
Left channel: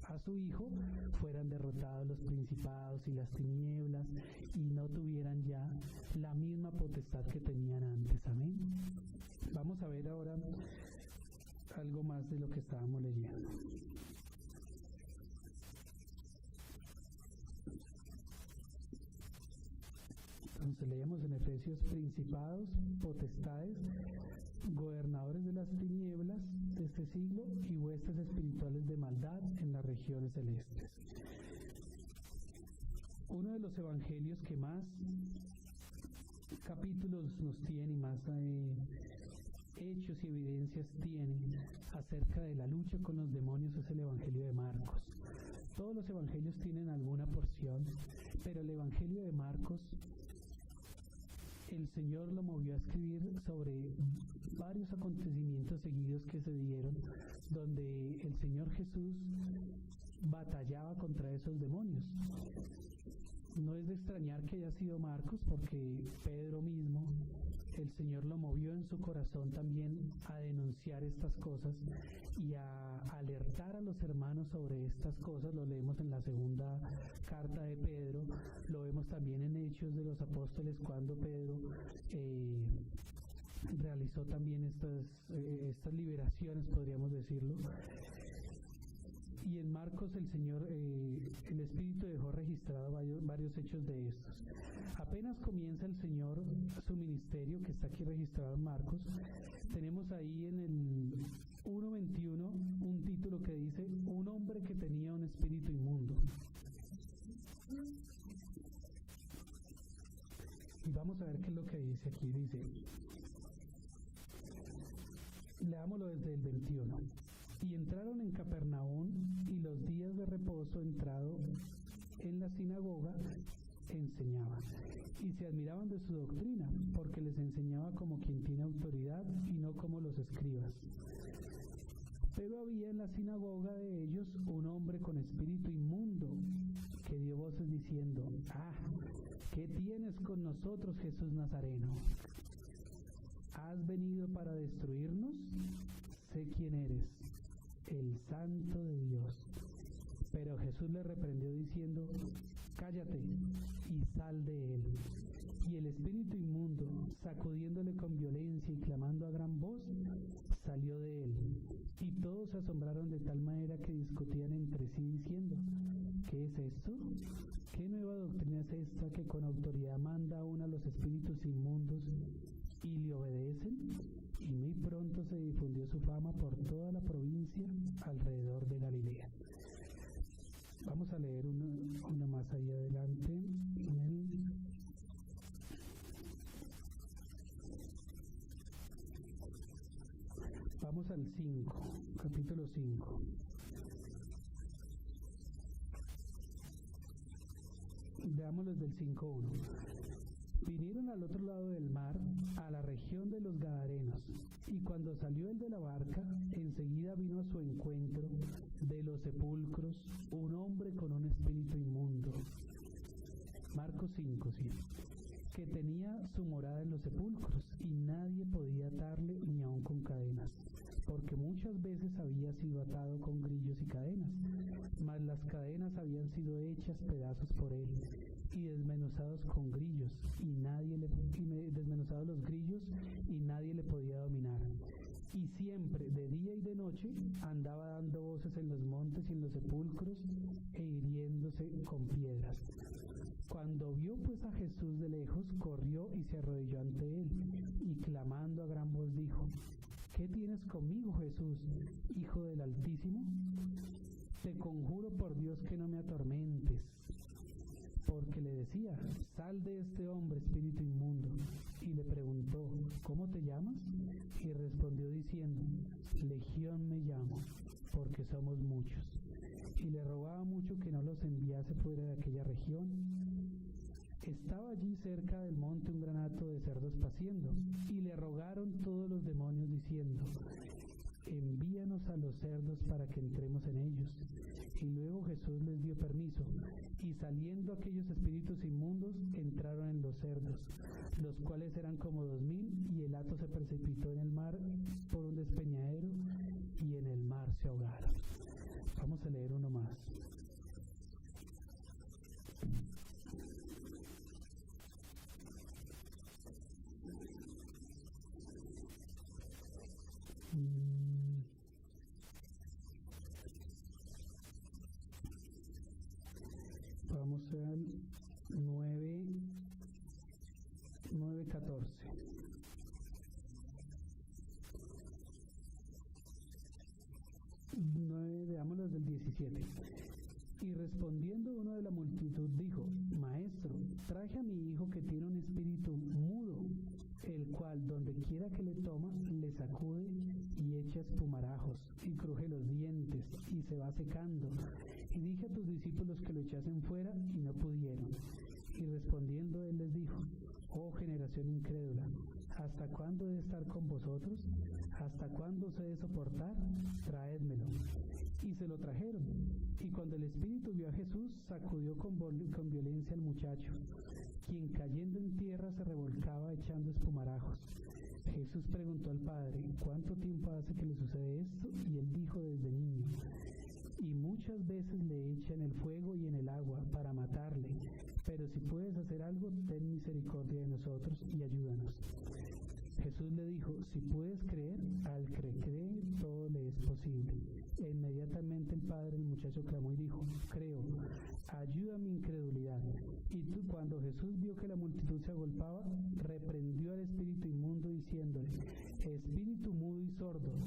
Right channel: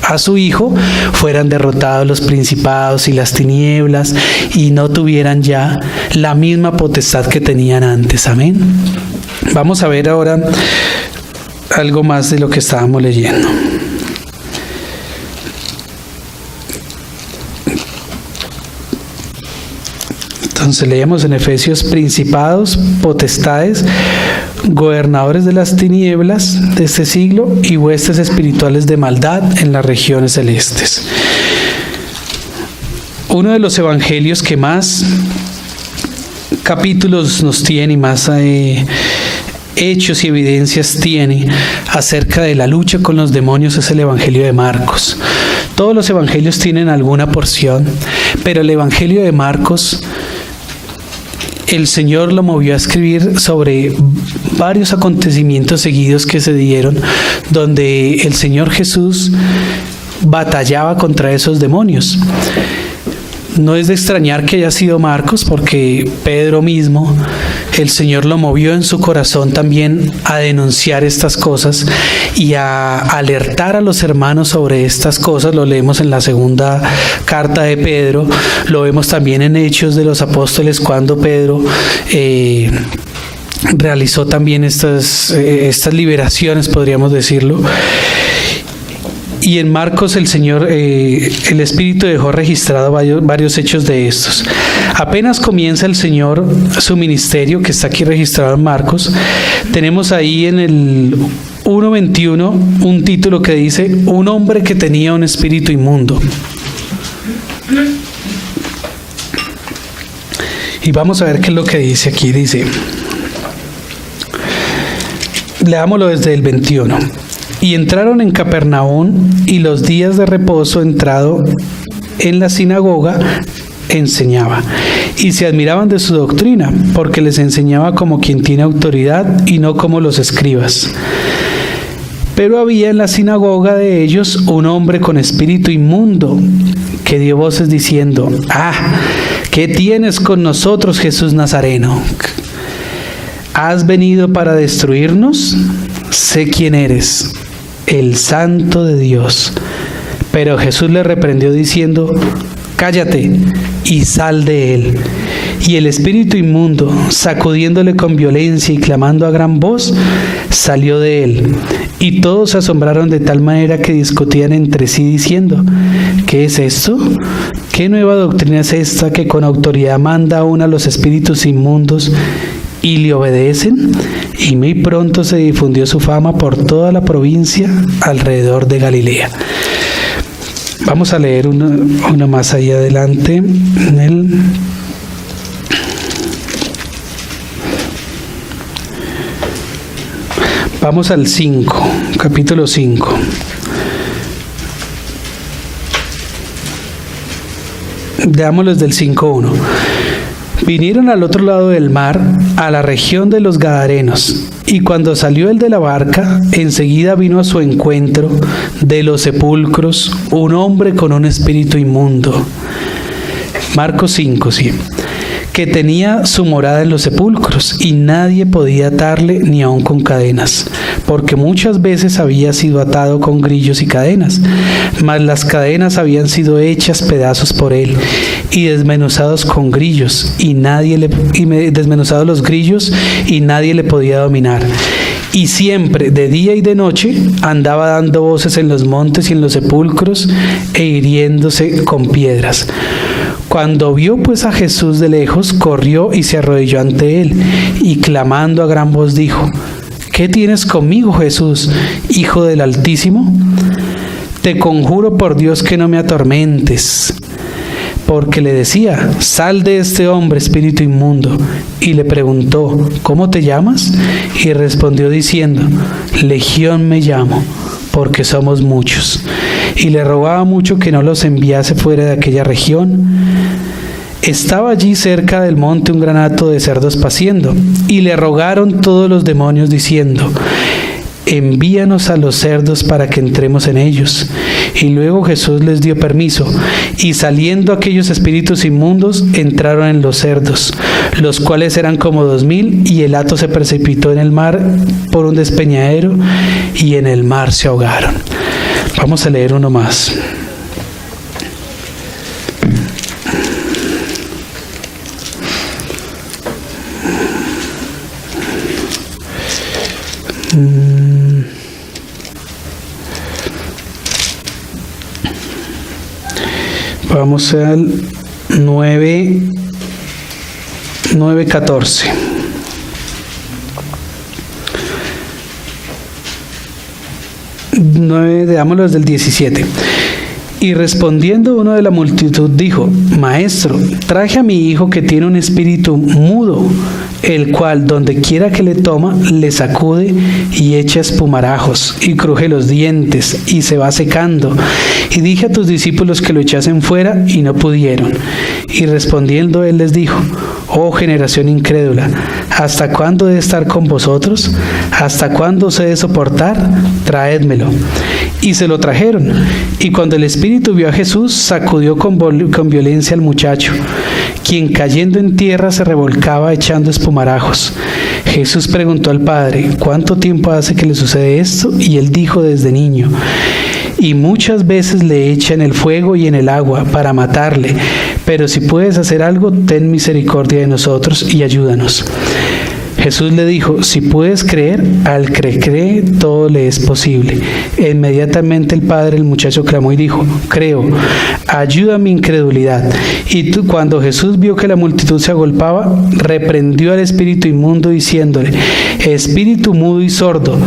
a su Hijo, fueran derrotados los principados y las tinieblas y no tuvieran ya la misma potestad que tenían antes. Amén. Vamos a ver ahora algo más de lo que estábamos leyendo. Entonces leíamos en Efesios: principados, potestades, gobernadores de las tinieblas de este siglo y huestes espirituales de maldad en las regiones celestes. Uno de los evangelios que más capítulos nos tiene y más hechos y evidencias tiene acerca de la lucha con los demonios es el Evangelio de Marcos. Todos los evangelios tienen alguna porción, pero el Evangelio de Marcos, el Señor lo movió a escribir sobre varios acontecimientos seguidos que se dieron, donde el Señor Jesús batallaba contra esos demonios. No es de extrañar que haya sido Marcos, porque Pedro mismo, el Señor lo movió en su corazón también a denunciar estas cosas y a alertar a los hermanos sobre estas cosas. Lo leemos en la segunda carta de Pedro, lo vemos también en Hechos de los Apóstoles, cuando Pedro realizó también estas liberaciones, podríamos decirlo. Y en Marcos el Señor, el Espíritu dejó registrado varios hechos de estos. Apenas comienza el Señor su ministerio, que está aquí registrado en Marcos, tenemos ahí en el 1:21 un título que dice: un hombre que tenía un espíritu inmundo. Y vamos a ver qué es lo que dice aquí. Dice, leámoslo desde el 21. Y entraron en Capernaum, y los días de reposo, entrado en la sinagoga, enseñaba. Y se admiraban de su doctrina, porque les enseñaba como quien tiene autoridad y no como los escribas. Pero había en la sinagoga de ellos un hombre con espíritu inmundo, que dio voces diciendo: ¿qué tienes con nosotros, Jesús Nazareno? ¿Has venido para destruirnos? Sé quién eres, el Santo de Dios. Pero Jesús le reprendió diciendo: cállate y sal de él. Y el espíritu inmundo, sacudiéndole con violencia y clamando a gran voz, salió de él. Y todos se asombraron de tal manera que discutían entre sí diciendo: ¿qué es esto? ¿Qué nueva doctrina es esta que con autoridad manda aún a los espíritus inmundos y le obedecen? Y muy pronto se difundió su fama por toda la provincia alrededor de Galilea. Vamos a leer una más ahí adelante. Vamos al 5, capítulo 5. Leámoslo desde el 5:1. Vinieron al otro lado del mar, a la región de los Gadarenos, y cuando salió él de la barca, enseguida vino a su encuentro de los sepulcros un hombre con un espíritu inmundo. Marcos 5, sí. Que tenía su morada en los sepulcros, y nadie podía atarle ni aun con cadenas, porque muchas veces había sido atado con grillos y cadenas, mas las cadenas habían sido hechas pedazos por él, y desmenuzados con grillos, desmenuzados los grillos, y nadie le podía dominar. Y siempre, de día y de noche, andaba dando voces en los montes y en los sepulcros, e hiriéndose con piedras. Cuando vio pues a Jesús de lejos, corrió y se arrodilló ante él, y clamando a gran voz dijo: ¿Qué tienes conmigo, Jesús, Hijo del Altísimo? Te conjuro por Dios que no me atormentes. Porque le decía: sal de este hombre, espíritu inmundo. Y le preguntó: ¿cómo te llamas? Y respondió diciendo: Legión me llamo, porque somos muchos. Y le rogaba mucho que no los enviase fuera de aquella región. Estaba allí cerca del monte un gran hato de cerdos paciendo, y le rogaron todos los demonios diciendo: envíanos a los cerdos para que entremos en ellos. Y luego Jesús les dio permiso, y saliendo aquellos espíritus inmundos, entraron en los cerdos, los cuales eran como 2,000, y el hato se precipitó en el mar por un despeñadero, y en el mar se ahogaron. Vamos a leer uno más. Vamos al 9:14. Veámoslo desde el 17. Y respondiendo uno de la multitud dijo: Maestro, traje a mi hijo que tiene un espíritu mudo, el cual donde quiera que le toma, le sacude y echa espumarajos y cruje los dientes y se va secando. Y dije a tus discípulos que lo echasen fuera y no pudieron. Y respondiendo él les dijo: Oh generación incrédula, ¿hasta cuándo he de estar con vosotros? ¿Hasta cuándo os he de soportar? Traédmelo. Y se lo trajeron. Y cuando el espíritu vio a Jesús, sacudió con violencia al muchacho, quien cayendo en tierra se revolcaba echando espumarajos. Jesús preguntó al padre: ¿cuánto tiempo hace que le sucede esto? Y él dijo: desde niño. Y muchas veces le echa en el fuego y en el agua para matarle. Pero si puedes hacer algo, ten misericordia de nosotros y ayúdanos. Jesús le dijo: si puedes creer, al que cree todo le es posible. E inmediatamente el padre del muchacho clamó y dijo: creo, ayuda a mi incredulidad. Y cuando Jesús vio que la multitud se agolpaba, reprendió al espíritu inmundo diciéndole: espíritu mudo y sordo,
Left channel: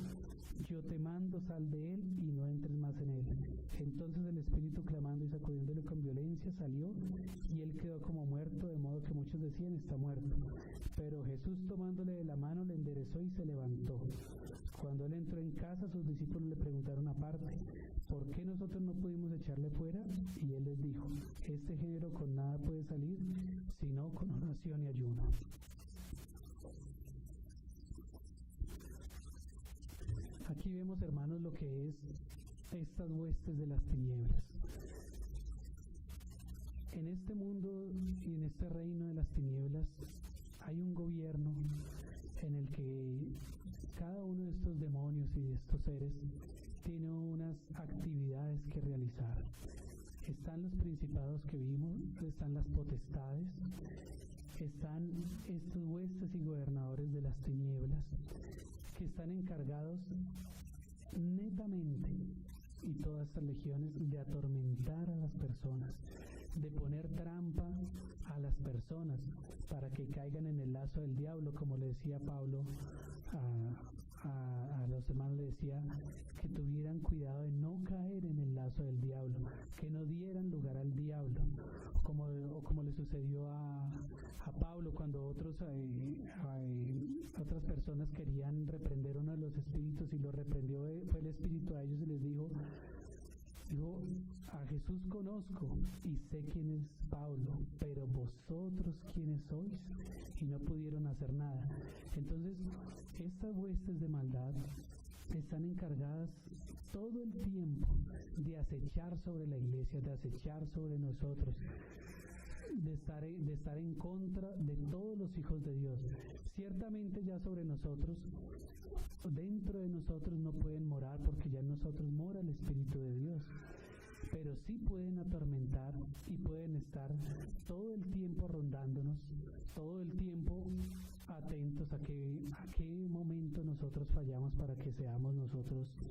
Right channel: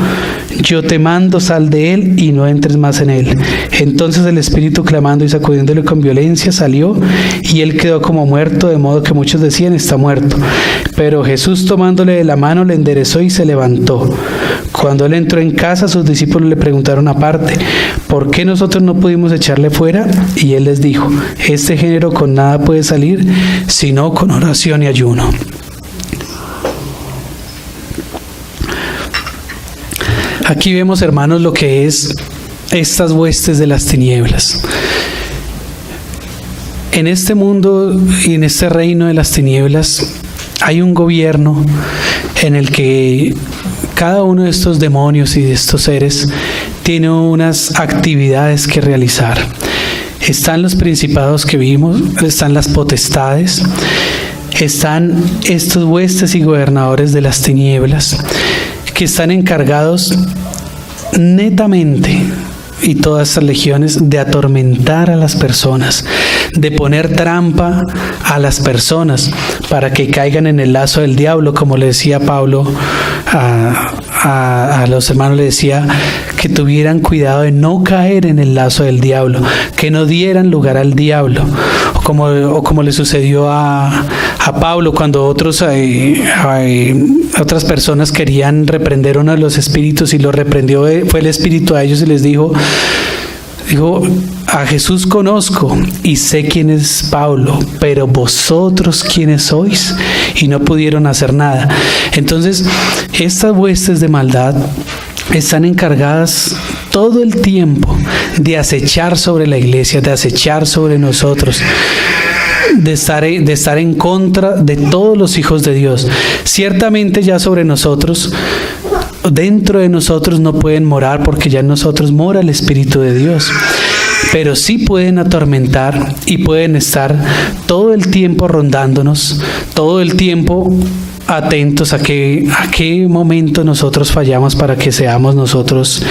yo te mando, sal de él y no entres más en él. Entonces el espíritu, clamando y sacudiéndole con violencia, salió, y él quedó como muerto, de modo que muchos decían: está muerto. Pero Jesús, tomándole de la mano, le enderezó y se levantó. Cuando él entró en casa, sus discípulos le preguntaron aparte: ¿por qué nosotros no pudimos echarle fuera? Y él les dijo: este género con nada puede salir, sino con oración y ayuno. Aquí vemos, hermanos, lo que es estas huestes de las tinieblas. En este mundo y en este reino de las tinieblas hay un gobierno en el que cada uno de estos demonios y de estos seres tiene unas actividades que realizar. Están los principados que vimos, están las potestades, están estos huestes y gobernadores de las tinieblas que están encargados netamente, y todas estas legiones, de atormentar a las personas, de poner trampa a las personas para que caigan en el lazo del diablo, como le decía Pablo a los hermanos le decía que tuvieran cuidado de no caer en el lazo del diablo, que no dieran lugar al diablo, o como le sucedió a Pablo cuando otras personas querían reprender uno de los espíritus y lo reprendió, fue el espíritu a ellos y les dijo, a Jesús conozco y sé quién es Pablo, pero vosotros quiénes sois, y no pudieron hacer nada. Entonces, estas huestes de maldad están encargadas todo el tiempo de acechar sobre la iglesia, de acechar sobre nosotros, de estar en contra de todos los hijos de Dios. Ciertamente ya sobre nosotros, dentro de nosotros no pueden morar, porque ya en nosotros mora el Espíritu de Dios, pero sí pueden atormentar y pueden estar todo el tiempo rondándonos, todo el tiempo atentos a qué momento nosotros fallamos para que seamos nosotros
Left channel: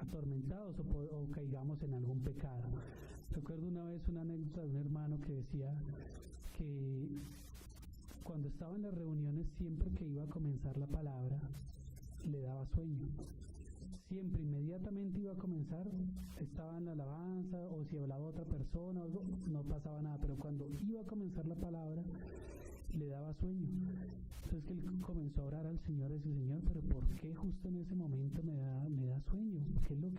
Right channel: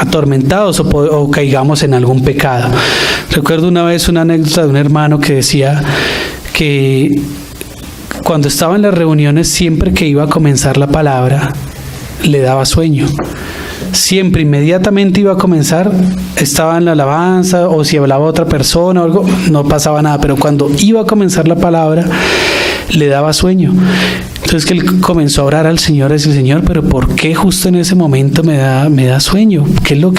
atormentados o caigamos en algún pecado. Recuerdo una vez una anécdota de un hermano que decía que cuando estaba en las reuniones, siempre que iba a comenzar la palabra, le daba sueño. Siempre, inmediatamente iba a comenzar, estaba en la alabanza, o si hablaba otra persona o algo, no pasaba nada, pero cuando iba a comenzar la palabra, le daba sueño. Entonces que él comenzó a orar al Señor, a decir, Señor, pero ¿por qué justo en ese momento me da sueño? ¿Qué es lo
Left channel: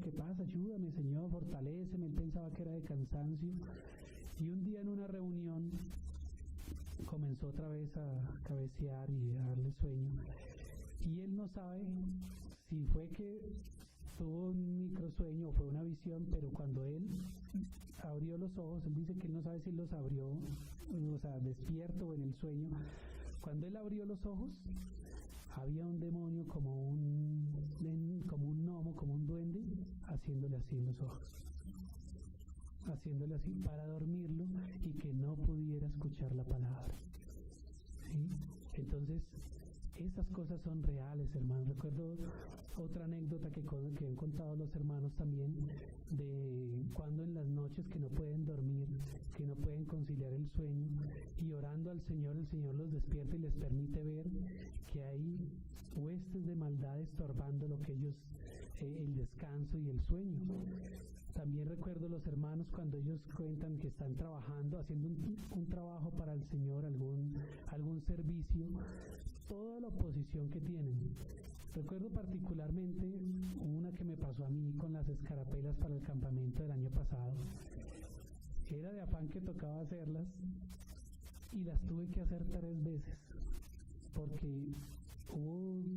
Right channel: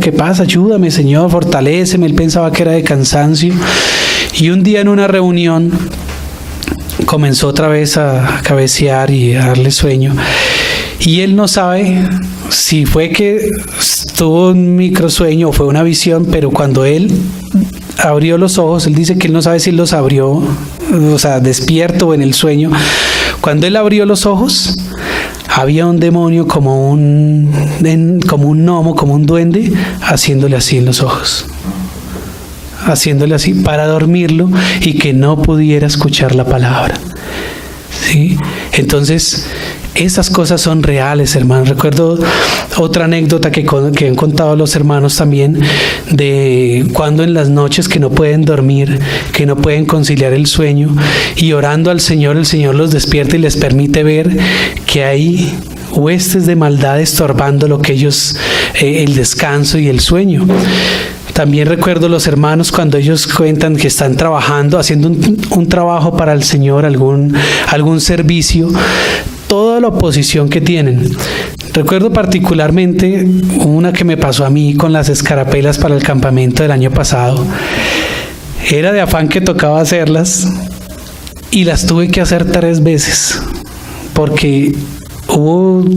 que pasa? Ayúdame, Señor, fortaléceme. Él pensaba que era de cansancio. Y un día en una reunión comenzó otra vez a cabecear y a darle sueño. Y él no sabe si fue que tuvo un microsueño o fue una visión, pero cuando él abrió los ojos, él dice que él no sabe si los abrió, o sea, despierto o en el sueño. Cuando él abrió los ojos, había un demonio como un gnomo, como un duende, haciéndole así en los ojos, haciéndole así para dormirlo y que no pudiera escuchar la palabra. ¿Sí? Entonces, esas cosas son reales, hermanos. Recuerdo otra anécdota que han contado los hermanos también, de cuando en las noches que no pueden dormir, que no pueden conciliar el sueño, y orando al Señor, el Señor los despierta y les permite ver que hay huestes de maldad estorbando lo que ellos, el descanso y el sueño. También recuerdo los hermanos cuando ellos cuentan que están trabajando, haciendo un trabajo para el Señor, algún servicio, toda la oposición que tienen. Recuerdo particularmente una que me pasó a mí con las escarapelas para el campamento del año pasado. Era de afán que tocaba hacerlas y las tuve que hacer 3 veces porque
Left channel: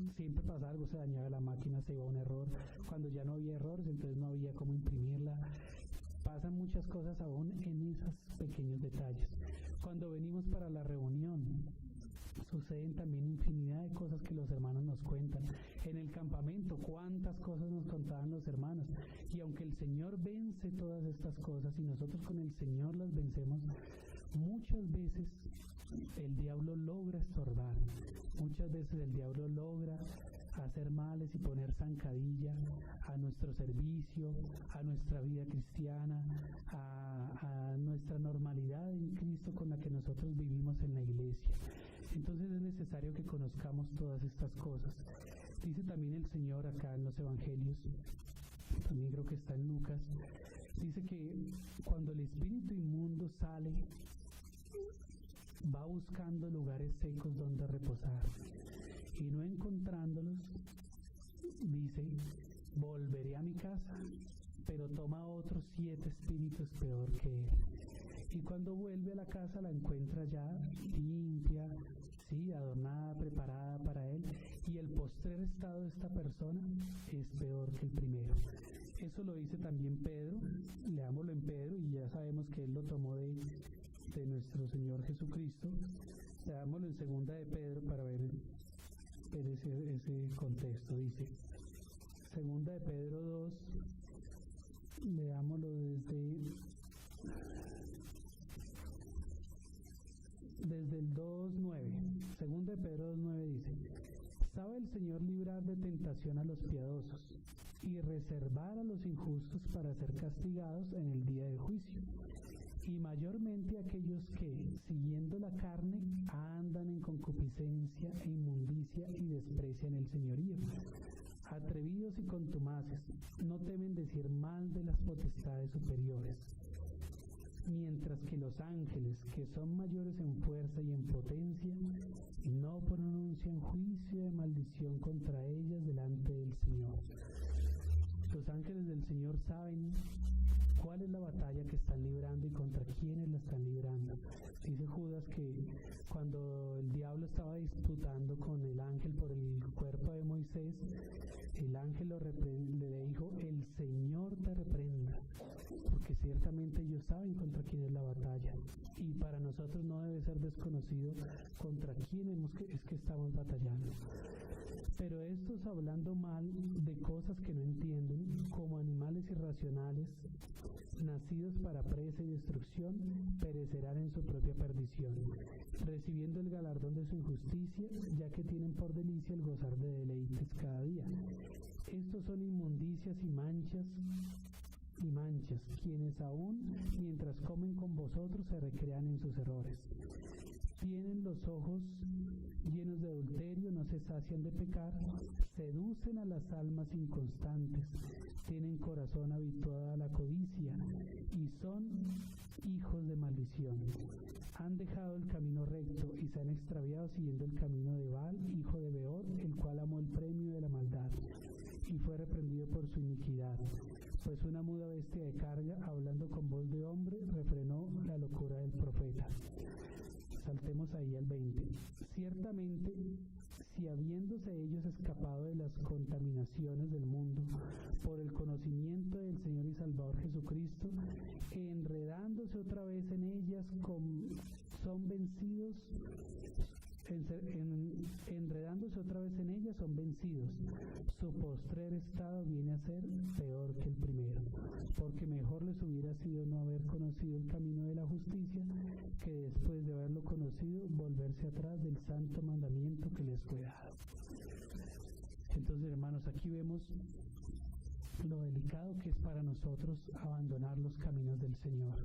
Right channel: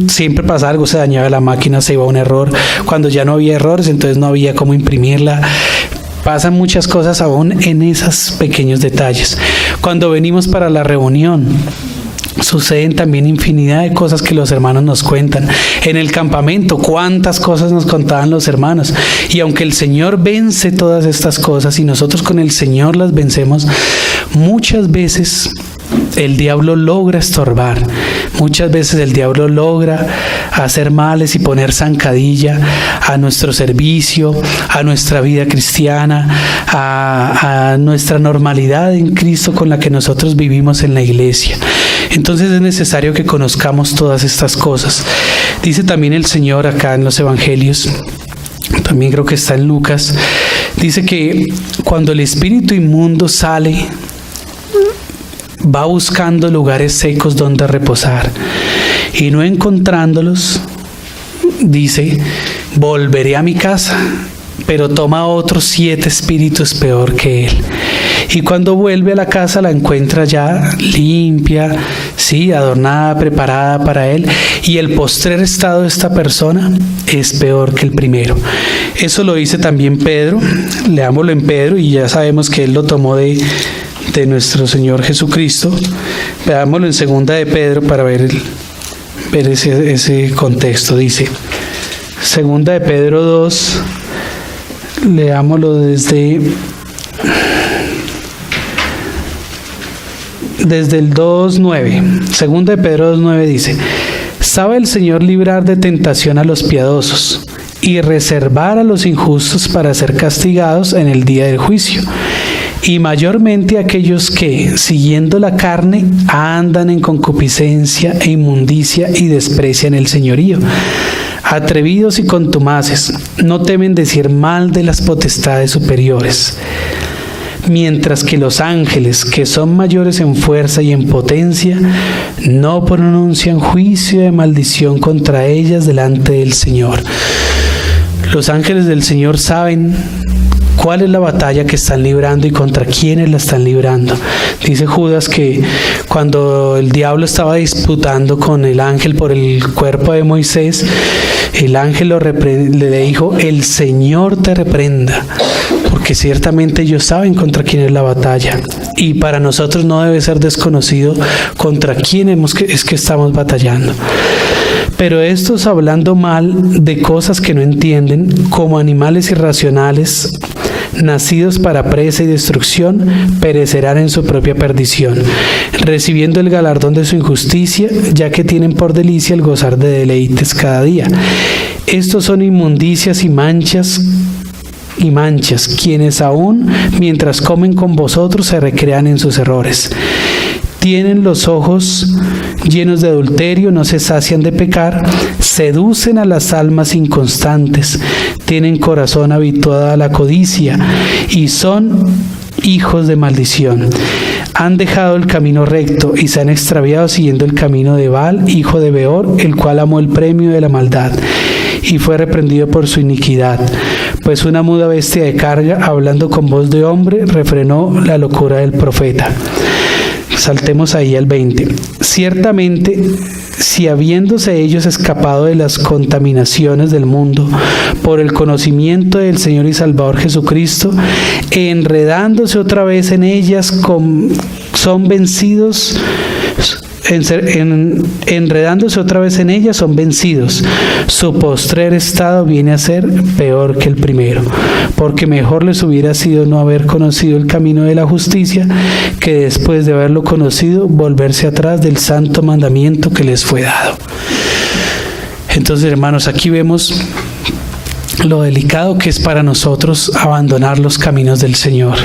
siempre pasaba algo, se dañaba la máquina, se iba a un error. Cuando ya no había errores, entonces no había cómo imprimirla. Pasan muchas cosas aún en esos pequeños detalles. Cuando venimos para la reunión, suceden también infinidad de cosas que los hermanos nos cuentan. En el campamento, cuántas cosas nos contaban los hermanos. Y aunque el Señor vence todas estas cosas y nosotros con el Señor las vencemos, muchas veces el diablo logra estorbar. Muchas veces el diablo logra hacer males y poner zancadilla a nuestro servicio, a nuestra vida cristiana, a nuestra normalidad en Cristo con la que nosotros vivimos en la iglesia. Entonces es necesario que conozcamos todas estas cosas. Dice también el Señor acá en los Evangelios, también creo que está en Lucas, dice que cuando el espíritu inmundo sale, va buscando lugares secos donde reposar, y no encontrándolos, dice, volveré a mi casa, pero toma otros 7 espíritus peor que él. Y cuando vuelve a la casa la encuentra ya limpia, sí, adornada, preparada para él, y el postrer estado de esta persona es peor que el primero. Eso lo dice también Pedro. Leámoslo en Pedro y ya sabemos que él lo tomó de nuestro Señor Jesucristo. Veámoslo en 2 de Pedro para ver ese contexto. Dice 2 de Pedro 2, leámoslo desde el 2:9. 2 de Pedro 2:9 dice: ¿sabe el Señor librar de tentación a los piadosos y reservar a los injustos para ser castigados en el día del juicio? y mayormente aquellos que, siguiendo la carne, andan en concupiscencia e inmundicia y desprecian el señorío. Atrevidos y contumaces, no temen decir mal de las potestades superiores. Mientras que los ángeles, que son mayores en fuerza y en potencia, no pronuncian juicio de maldición contra ellas delante del Señor. Los ángeles del Señor saben cuál es la batalla que están librando y contra quiénes la están librando. Dice Judas que cuando el diablo estaba disputando con el ángel por el cuerpo de Moisés, el ángel le dijo: el Señor te reprenda, porque ciertamente ellos saben contra quién es la batalla. Y para nosotros no debe ser desconocido contra quién es que estamos batallando. Pero estos, hablando mal de cosas que no entienden, como animales irracionales, nacidos para presa y destrucción, perecerán en su propia perdición, recibiendo el galardón de su injusticia, ya que tienen por delicia el gozar de deleites cada día. Estos son inmundicias y manchas, quienes aún mientras comen con vosotros se recrean en sus errores. Tienen los ojos llenos de adulterio, no se sacian de pecar, seducen a las almas inconstantes, tienen corazón habituado a la codicia y son hijos de maldición. Han dejado el camino recto y se han extraviado siguiendo el camino de Baal, hijo de Beor, el cual amó el premio de la maldad y fue reprendido por su iniquidad. Pues una muda bestia de carga, hablando con voz de hombre, refrenó la locura del profeta. Saltemos ahí al 20. Ciertamente, si habiéndose ellos escapado de las contaminaciones del mundo por el conocimiento del Señor y Salvador Jesucristo, enredándose otra vez en ellas, son vencidos. Enredándose otra vez en ellas, son vencidos. Su postrer estado viene a ser peor que el primero, porque mejor les hubiera sido no haber conocido el camino de la justicia, que después de haberlo conocido, volverse atrás del santo mandamiento que les fue dado. Entonces, hermanos, aquí vemos lo delicado que es para nosotros abandonar los caminos del Señor,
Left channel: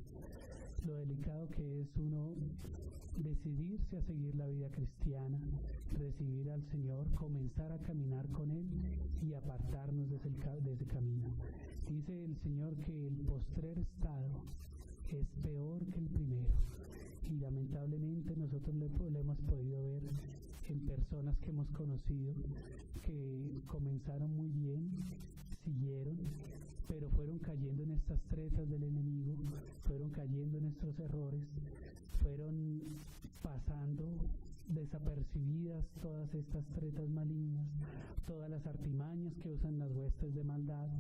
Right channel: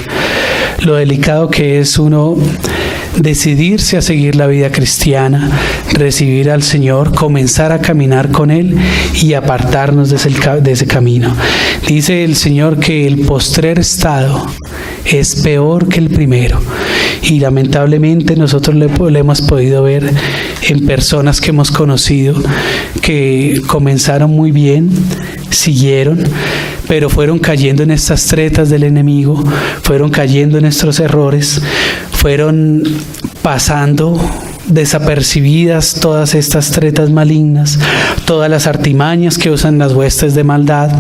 lo delicado que es uno decidirse a seguir la vida cristiana, recibir al Señor, comenzar a caminar con Él y apartarnos de ese camino. Dice el Señor que el postrer estado es peor que el primero, y lamentablemente nosotros le hemos podido ver en personas que hemos conocido que comenzaron muy bien, siguieron, pero fueron cayendo en estas tretas del enemigo, fueron cayendo en estos errores, fueron pasando desapercibidas todas estas tretas malignas, todas las artimañas que usan las huestes de maldad,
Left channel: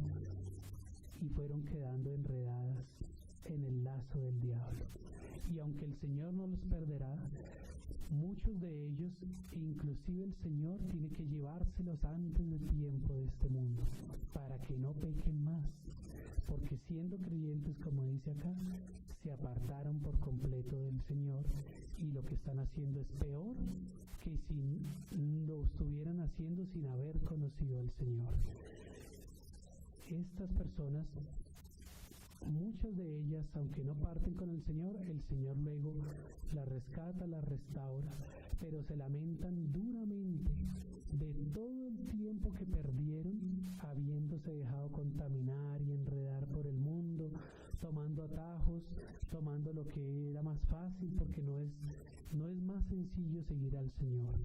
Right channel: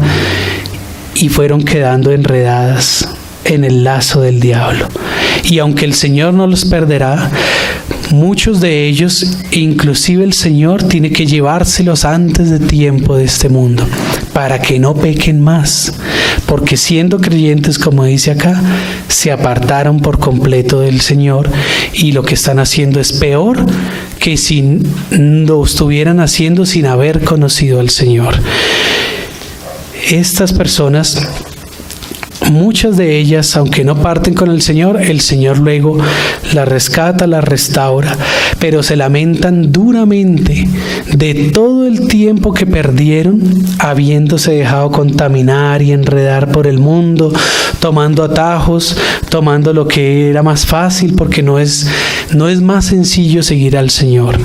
y fueron quedando enredadas en el lazo del diablo. Y aunque el Señor no los perderá, muchos de ellos, inclusive el Señor, tiene que llevárselos antes de tiempo de este mundo, para que no pequen más, porque siendo creyentes, como dice acá, se apartaron por completo del Señor, y lo que están haciendo es peor que si lo estuvieran haciendo sin haber conocido al Señor. Estas personas, muchas de ellas, aunque no parten con el Señor luego las rescata, las restaura, pero se lamentan duramente de todo el tiempo que perdieron habiéndose dejado contaminar y enredar por el mundo, tomando atajos, tomando lo que era más fácil, porque no es más sencillo seguir al Señor,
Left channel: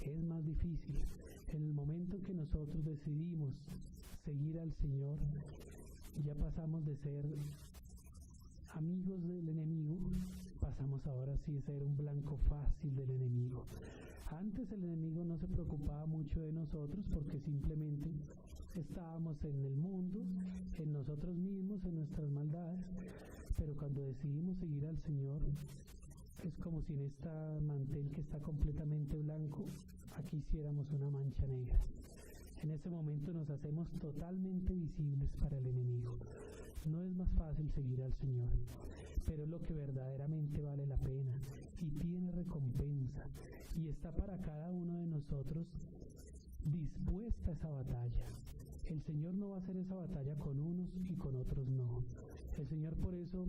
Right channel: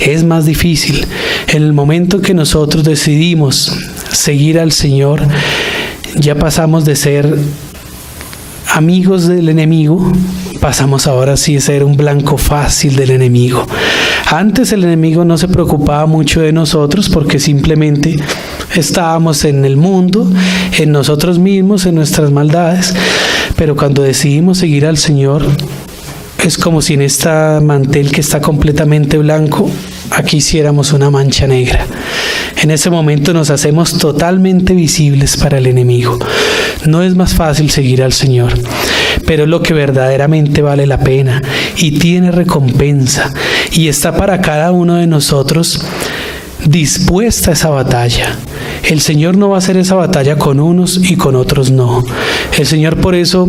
es más difícil. En el momento que nosotros decidimos seguir al Señor, ya pasamos de ser amigos del enemigo, pasamos ahora sí a ser un blanco fácil del enemigo. Antes el enemigo no se preocupaba mucho de nosotros porque simplemente estábamos en el mundo, en nosotros mismos, en nuestras maldades, pero cuando decidimos seguir al Señor, es como si en este mantel que está completamente blanco, aquí hiciéramos una mancha negra. En ese momento nos hacemos totalmente visibles para el enemigo. No es más fácil seguir al Señor, pero es lo que verdaderamente vale la pena y tiene recompensa, y está para cada uno de nosotros dispuesta a esa batalla. El Señor no va a hacer esa batalla con unos y con otros no. El Señor por eso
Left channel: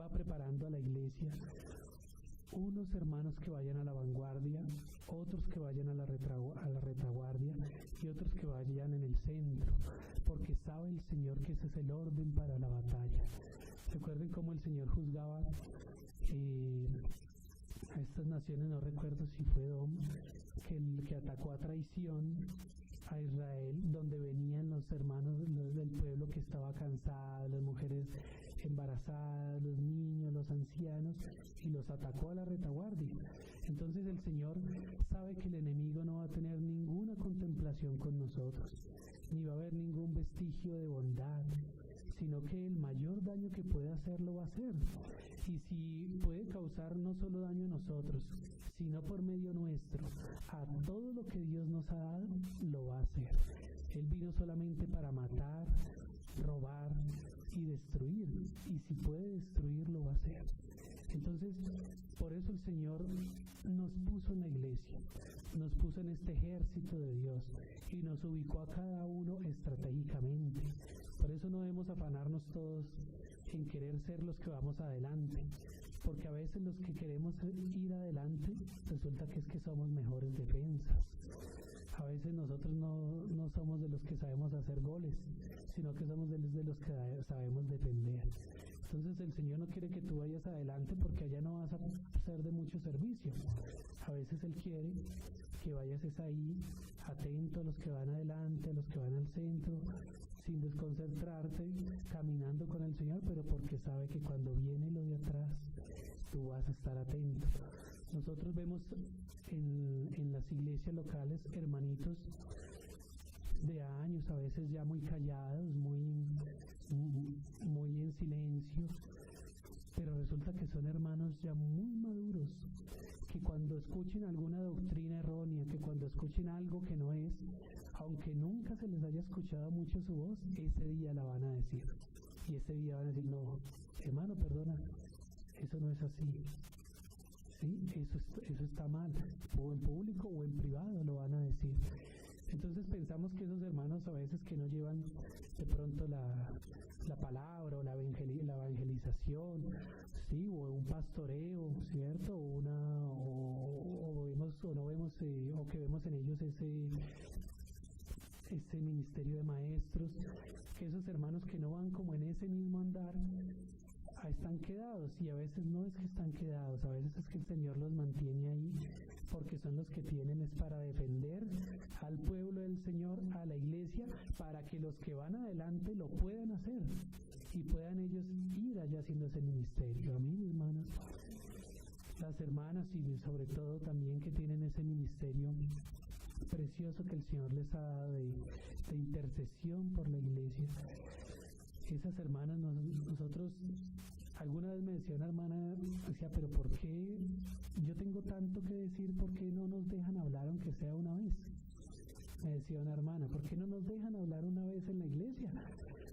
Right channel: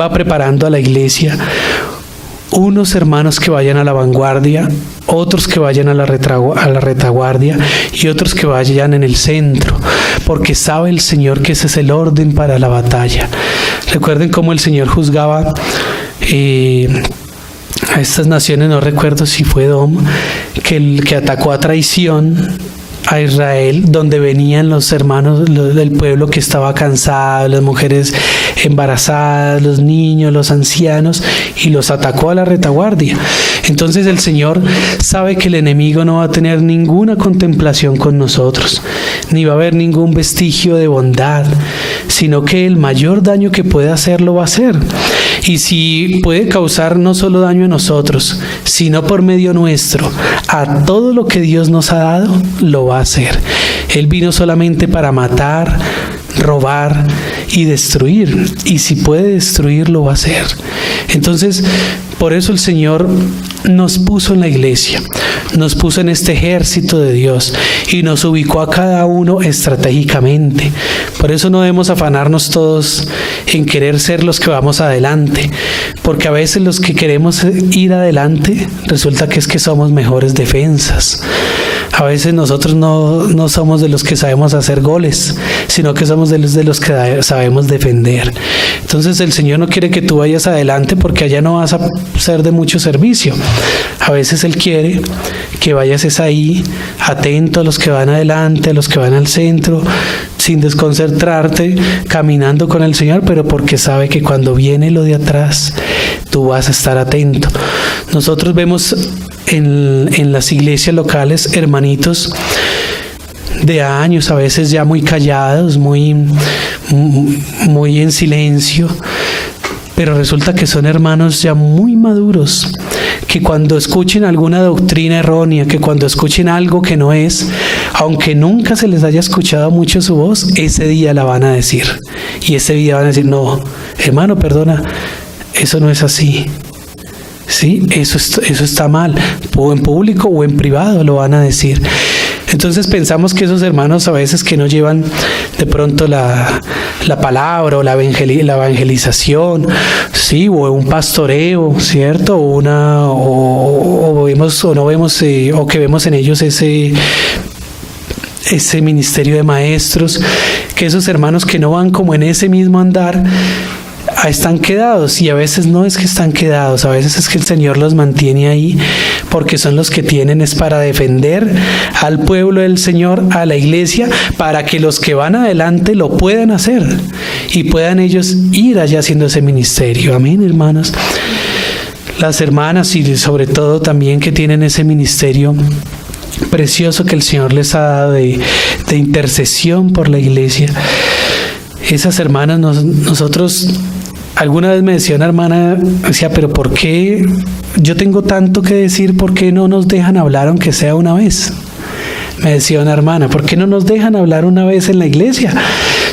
va preparando a la iglesia unos hermanos que vayan a la vanguardia, otros que vayan a la retaguardia y otros que vayan en el centro, porque sabe el Señor que ese es el orden para la batalla. Recuerden cómo el Señor juzgaba a estas naciones, no recuerdo si fue Edom, que atacó a traición a Israel, donde venían los hermanos del pueblo que estaba cansado, las mujeres embarazadas, los niños, los ancianos, y los atacó a la retaguardia. Entonces el Señor sabe que el enemigo no va a tener ninguna contemplación con nosotros, ni va a haber ningún vestigio de bondad, sino que el mayor daño que puede hacer lo va a hacer. Y si puede causar no solo daño a nosotros, sino por medio nuestro, a todo lo que Dios nos ha dado, lo va a hacer. Él vino solamente para matar, robar y destruir, y si puede destruir, lo va a hacer. Entonces, por eso el Señor nos puso en la iglesia, nos puso en este ejército de Dios y nos ubicó a cada uno estratégicamente. Por eso no debemos afanarnos todos en querer ser los que vamos adelante, porque a veces los que queremos ir adelante resulta que es que somos mejores defensas. A veces nosotros no somos de los que sabemos hacer goles, sino que somos de los que sabemos defender. Entonces el Señor no quiere que tú vayas adelante porque allá no vas a ser de mucho servicio. A veces Él quiere que vayas ahí, atento a los que van adelante, a los que van al centro, sin desconcentrarte, caminando con el Señor, pero porque sabe que cuando viene lo de atrás, tú vas a estar atento. Nosotros vemos en las iglesias locales hermanitos de años, a veces ya muy callados, muy en silencio, pero resulta que son hermanos ya muy maduros, que cuando escuchen alguna doctrina errónea, que cuando escuchen algo que no es, aunque nunca se les haya escuchado mucho su voz, ese día la van a decir. Y ese día van a decir, no, hermano, perdona, eso no es así. Sí, eso está mal, o en público o en privado lo van a decir. Entonces pensamos que esos hermanos a veces que no llevan de pronto la palabra o la evangelización, sí, o un pastoreo, ¿cierto? O que vemos en ellos ese ministerio de maestros, que esos hermanos que no van como en ese mismo andar, están quedados, y a veces no es que están quedados, a veces es que el Señor los mantiene ahí porque son los que tienen es para defender al pueblo del Señor, a la iglesia, para que los que van adelante lo puedan hacer y puedan ellos ir allá haciendo ese ministerio. Amén, hermanos. Las hermanas y sobre todo también que tienen ese ministerio precioso que el Señor les ha dado de intercesión por la iglesia. Esas hermanas, nosotros, alguna vez me decía una hermana, decía, pero ¿por qué yo tengo tanto que decir? ¿Por qué no nos dejan hablar aunque sea una vez? Me decía una hermana, ¿por qué no nos dejan hablar una vez en la iglesia?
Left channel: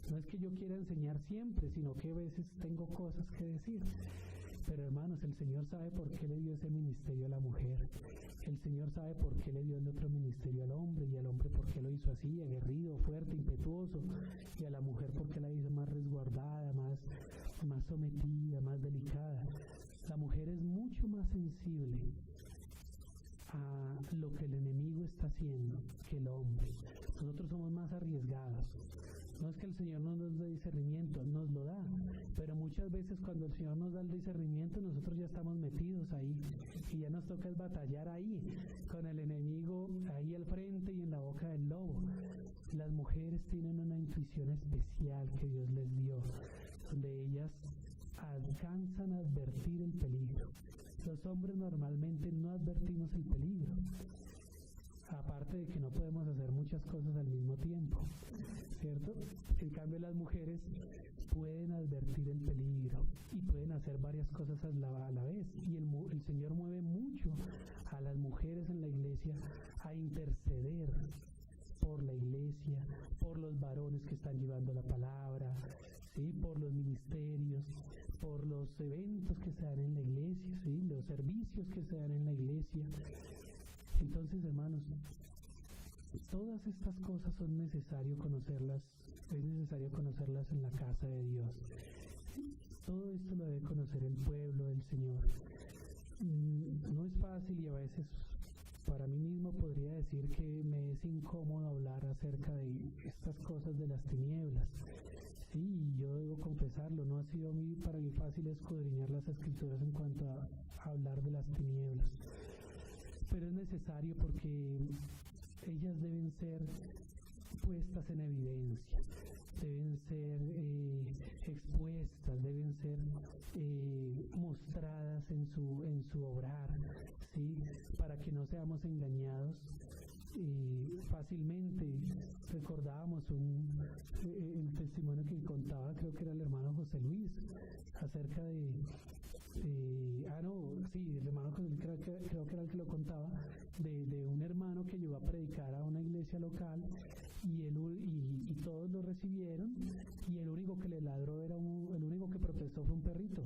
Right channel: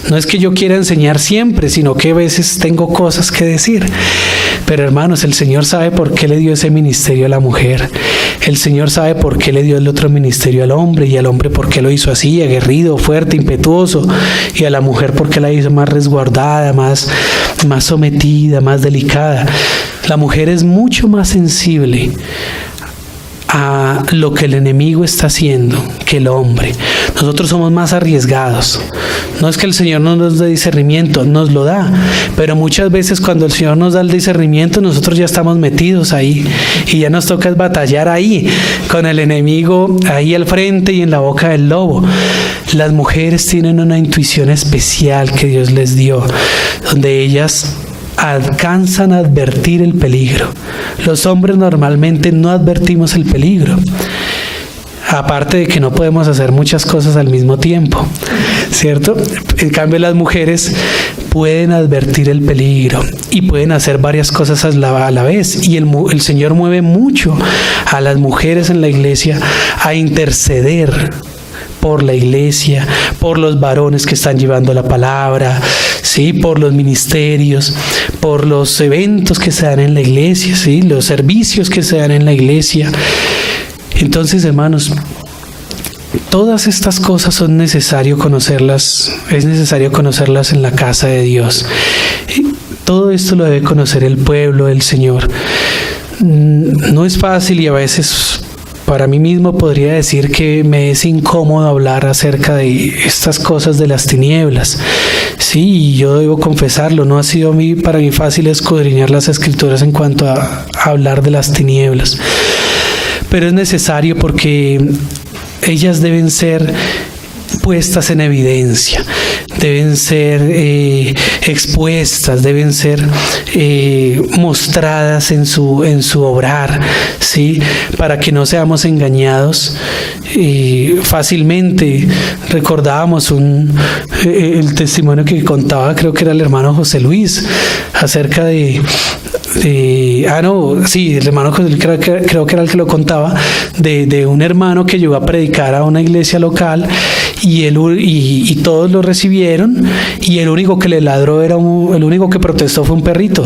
No es que yo quiera enseñar siempre, sino que a veces tengo cosas que decir. Pero hermanos, el Señor sabe por qué le dio ese ministerio a la mujer. El Señor sabe por qué le dio el otro ministerio al hombre, y al hombre por qué lo hizo así, aguerrido, fuerte, impetuoso, y a la mujer por qué la hizo más resguardada, más sometida, más delicada. La mujer es mucho más sensible a lo que el enemigo está haciendo que el hombre. Nosotros somos más arriesgados. No es que el Señor no nos dé discernimiento, nos lo da, pero muchas veces cuando el Señor nos da el discernimiento, nosotros ya estamos metidos ahí y ya nos toca batallar ahí con el enemigo ahí al frente y en la boca del lobo. Las mujeres tienen una intuición especial que Dios les dio, donde ellas alcanzan a advertir el peligro. Los hombres normalmente no advertimos el peligro, aparte de que no podemos hacer muchas cosas al mismo tiempo, ¿cierto? En cambio, las mujeres pueden advertir el peligro y pueden hacer varias cosas a la vez, y el Señor mueve mucho a las mujeres en la iglesia a interceder por la iglesia, por los varones que están llevando la palabra, sí, por los ministerios, por los eventos que se dan en la iglesia, sí, los servicios que se dan en la iglesia. Entonces, hermanos, Todas estas cosas es necesario conocerlas en la casa de Dios. Todo esto lo debe conocer el pueblo del Señor. No es fácil y a veces para mí mismo podría decir que me es incómodo hablar acerca de estas cosas de las tinieblas. Sí, yo debo confesarlo, no ha sido para mí fácil escudriñar las Escrituras en cuanto a hablar de las tinieblas. Pero es necesario porque ellas deben ser puestas en evidencia, deben ser expuestas, deben ser mostradas en su obrar, ¿sí? Para que no seamos engañados fácilmente. Recordábamos el testimonio que contaba, creo que era el hermano José Luis, acerca el hermano José Luis creo que era el que lo contaba, de un hermano que llegó a predicar a una iglesia local y todos lo recibieron, y el único que le ladró el único que protestó fue un perrito,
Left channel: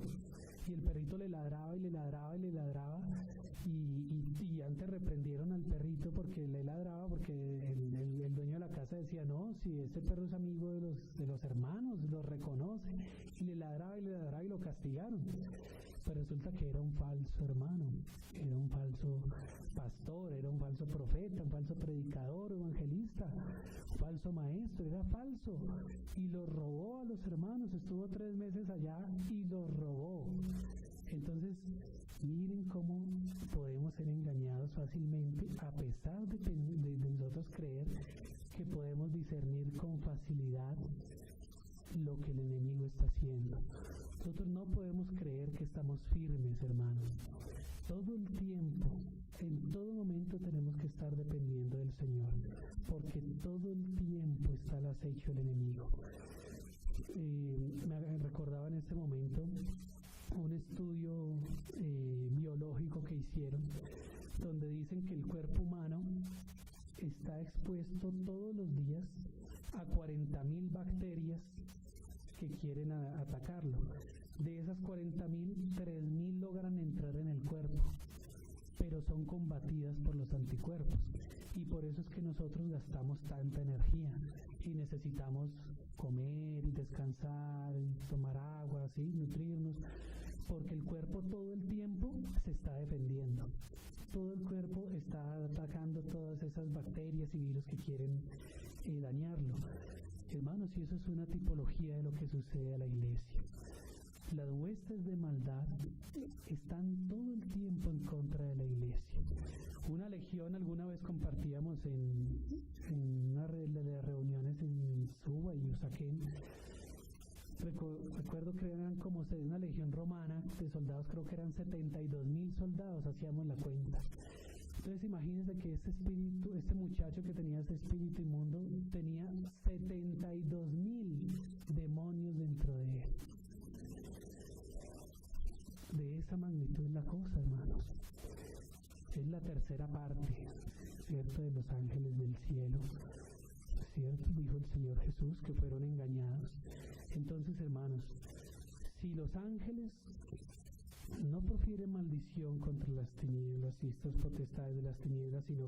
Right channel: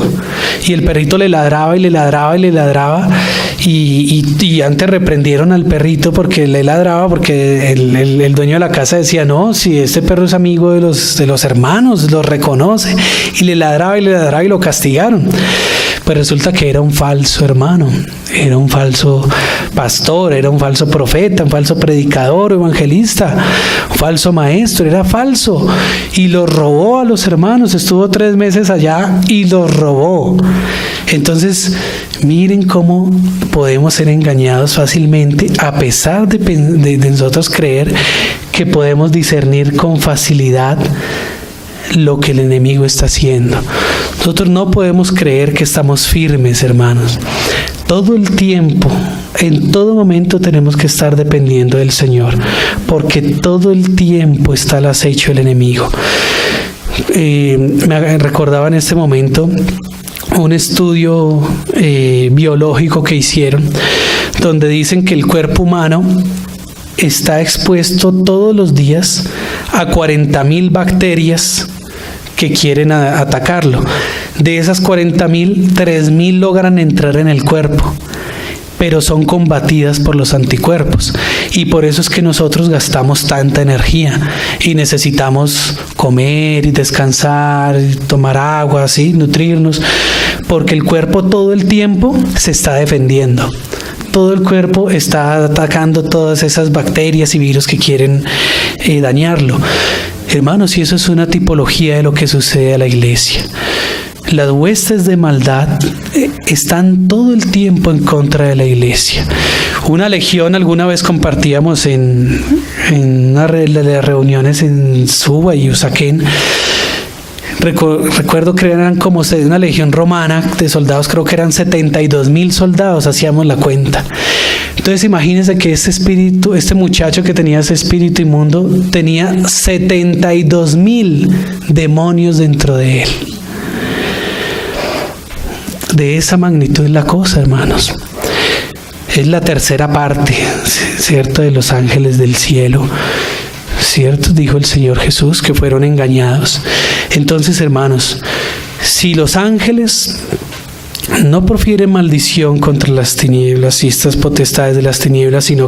y el perrito le ladraba y le ladraba y le ladraba, y antes reprendieron al perrito porque le ladraba, porque el dueño de la casa decía, no, si este perro es amigo de los hermanos, los reconoce, y le ladraba y lo castigaron. Pues resulta que era un falso hermano, era un falso pastor, era un falso profeta, un falso predicador, evangelista, un falso maestro, era falso, y los robó a los hermanos. Estuvo 3 meses allá y los robó. Entonces, miren cómo podemos ser engañados fácilmente, a pesar de nosotros creer que podemos discernir con facilidad lo que el enemigo está haciendo. Nosotros no podemos creer que estamos firmes, hermanos. Todo el tiempo, en todo momento tenemos que estar dependiendo del Señor, porque todo el tiempo está al acecho del enemigo. Me recordaba en este momento un estudio biológico que hicieron, donde dicen que el cuerpo humano está expuesto todos los días a 40,000 bacterias que quieren atacarlo. De esas 40,000, 3,000 logran entrar en el cuerpo, pero son combatidas por los anticuerpos, y por eso es que nosotros gastamos tanta energía y necesitamos comer y descansar, y tomar agua, ¿sí? Nutrirnos, porque el cuerpo todo el tiempo se está defendiendo. Todo el cuerpo está atacando todas esas bacterias y virus que quieren dañarlo. Hermanos, y eso es una tipología de lo que sucede a la iglesia. Las huestes de maldad están todo el tiempo en contra de la iglesia. Una legión, alguna vez compartíamos en una de las reuniones en Suba y Usaquén. Recuerdo que eran como una legión romana de soldados, creo que eran 72,000 soldados, hacíamos la cuenta. Entonces imagínense que este muchacho que tenía ese espíritu inmundo, tenía 72,000 demonios dentro de él. De esa magnitud es la cosa, hermanos. Es la tercera parte, ¿cierto?, de los ángeles del cielo. ¿Cierto? Dijo el Señor Jesús que fueron engañados. Entonces, hermanos, si los ángeles no profieren maldición contra las tinieblas y estas potestades de las tinieblas, sino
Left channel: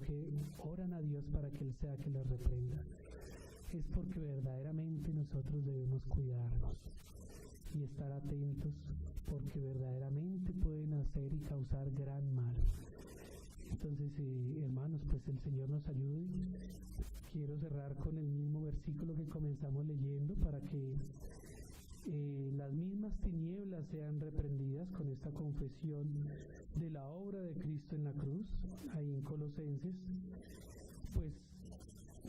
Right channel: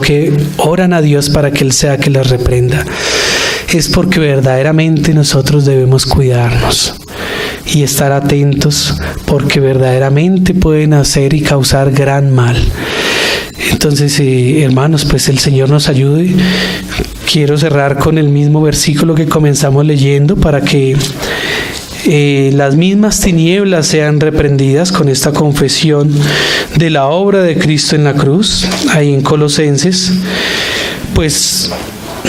que oran a Dios para que Él sea que las reprenda, es porque verdaderamente nosotros debemos cuidarnos y estar atentos, porque verdaderamente pueden hacer y causar gran mal. Entonces, hermanos, pues el Señor nos ayude. Quiero cerrar con el mismo versículo que comenzamos leyendo para que las mismas tinieblas sean reprendidas con esta confesión de la obra de Cristo en la cruz, ahí en Colosenses. Pues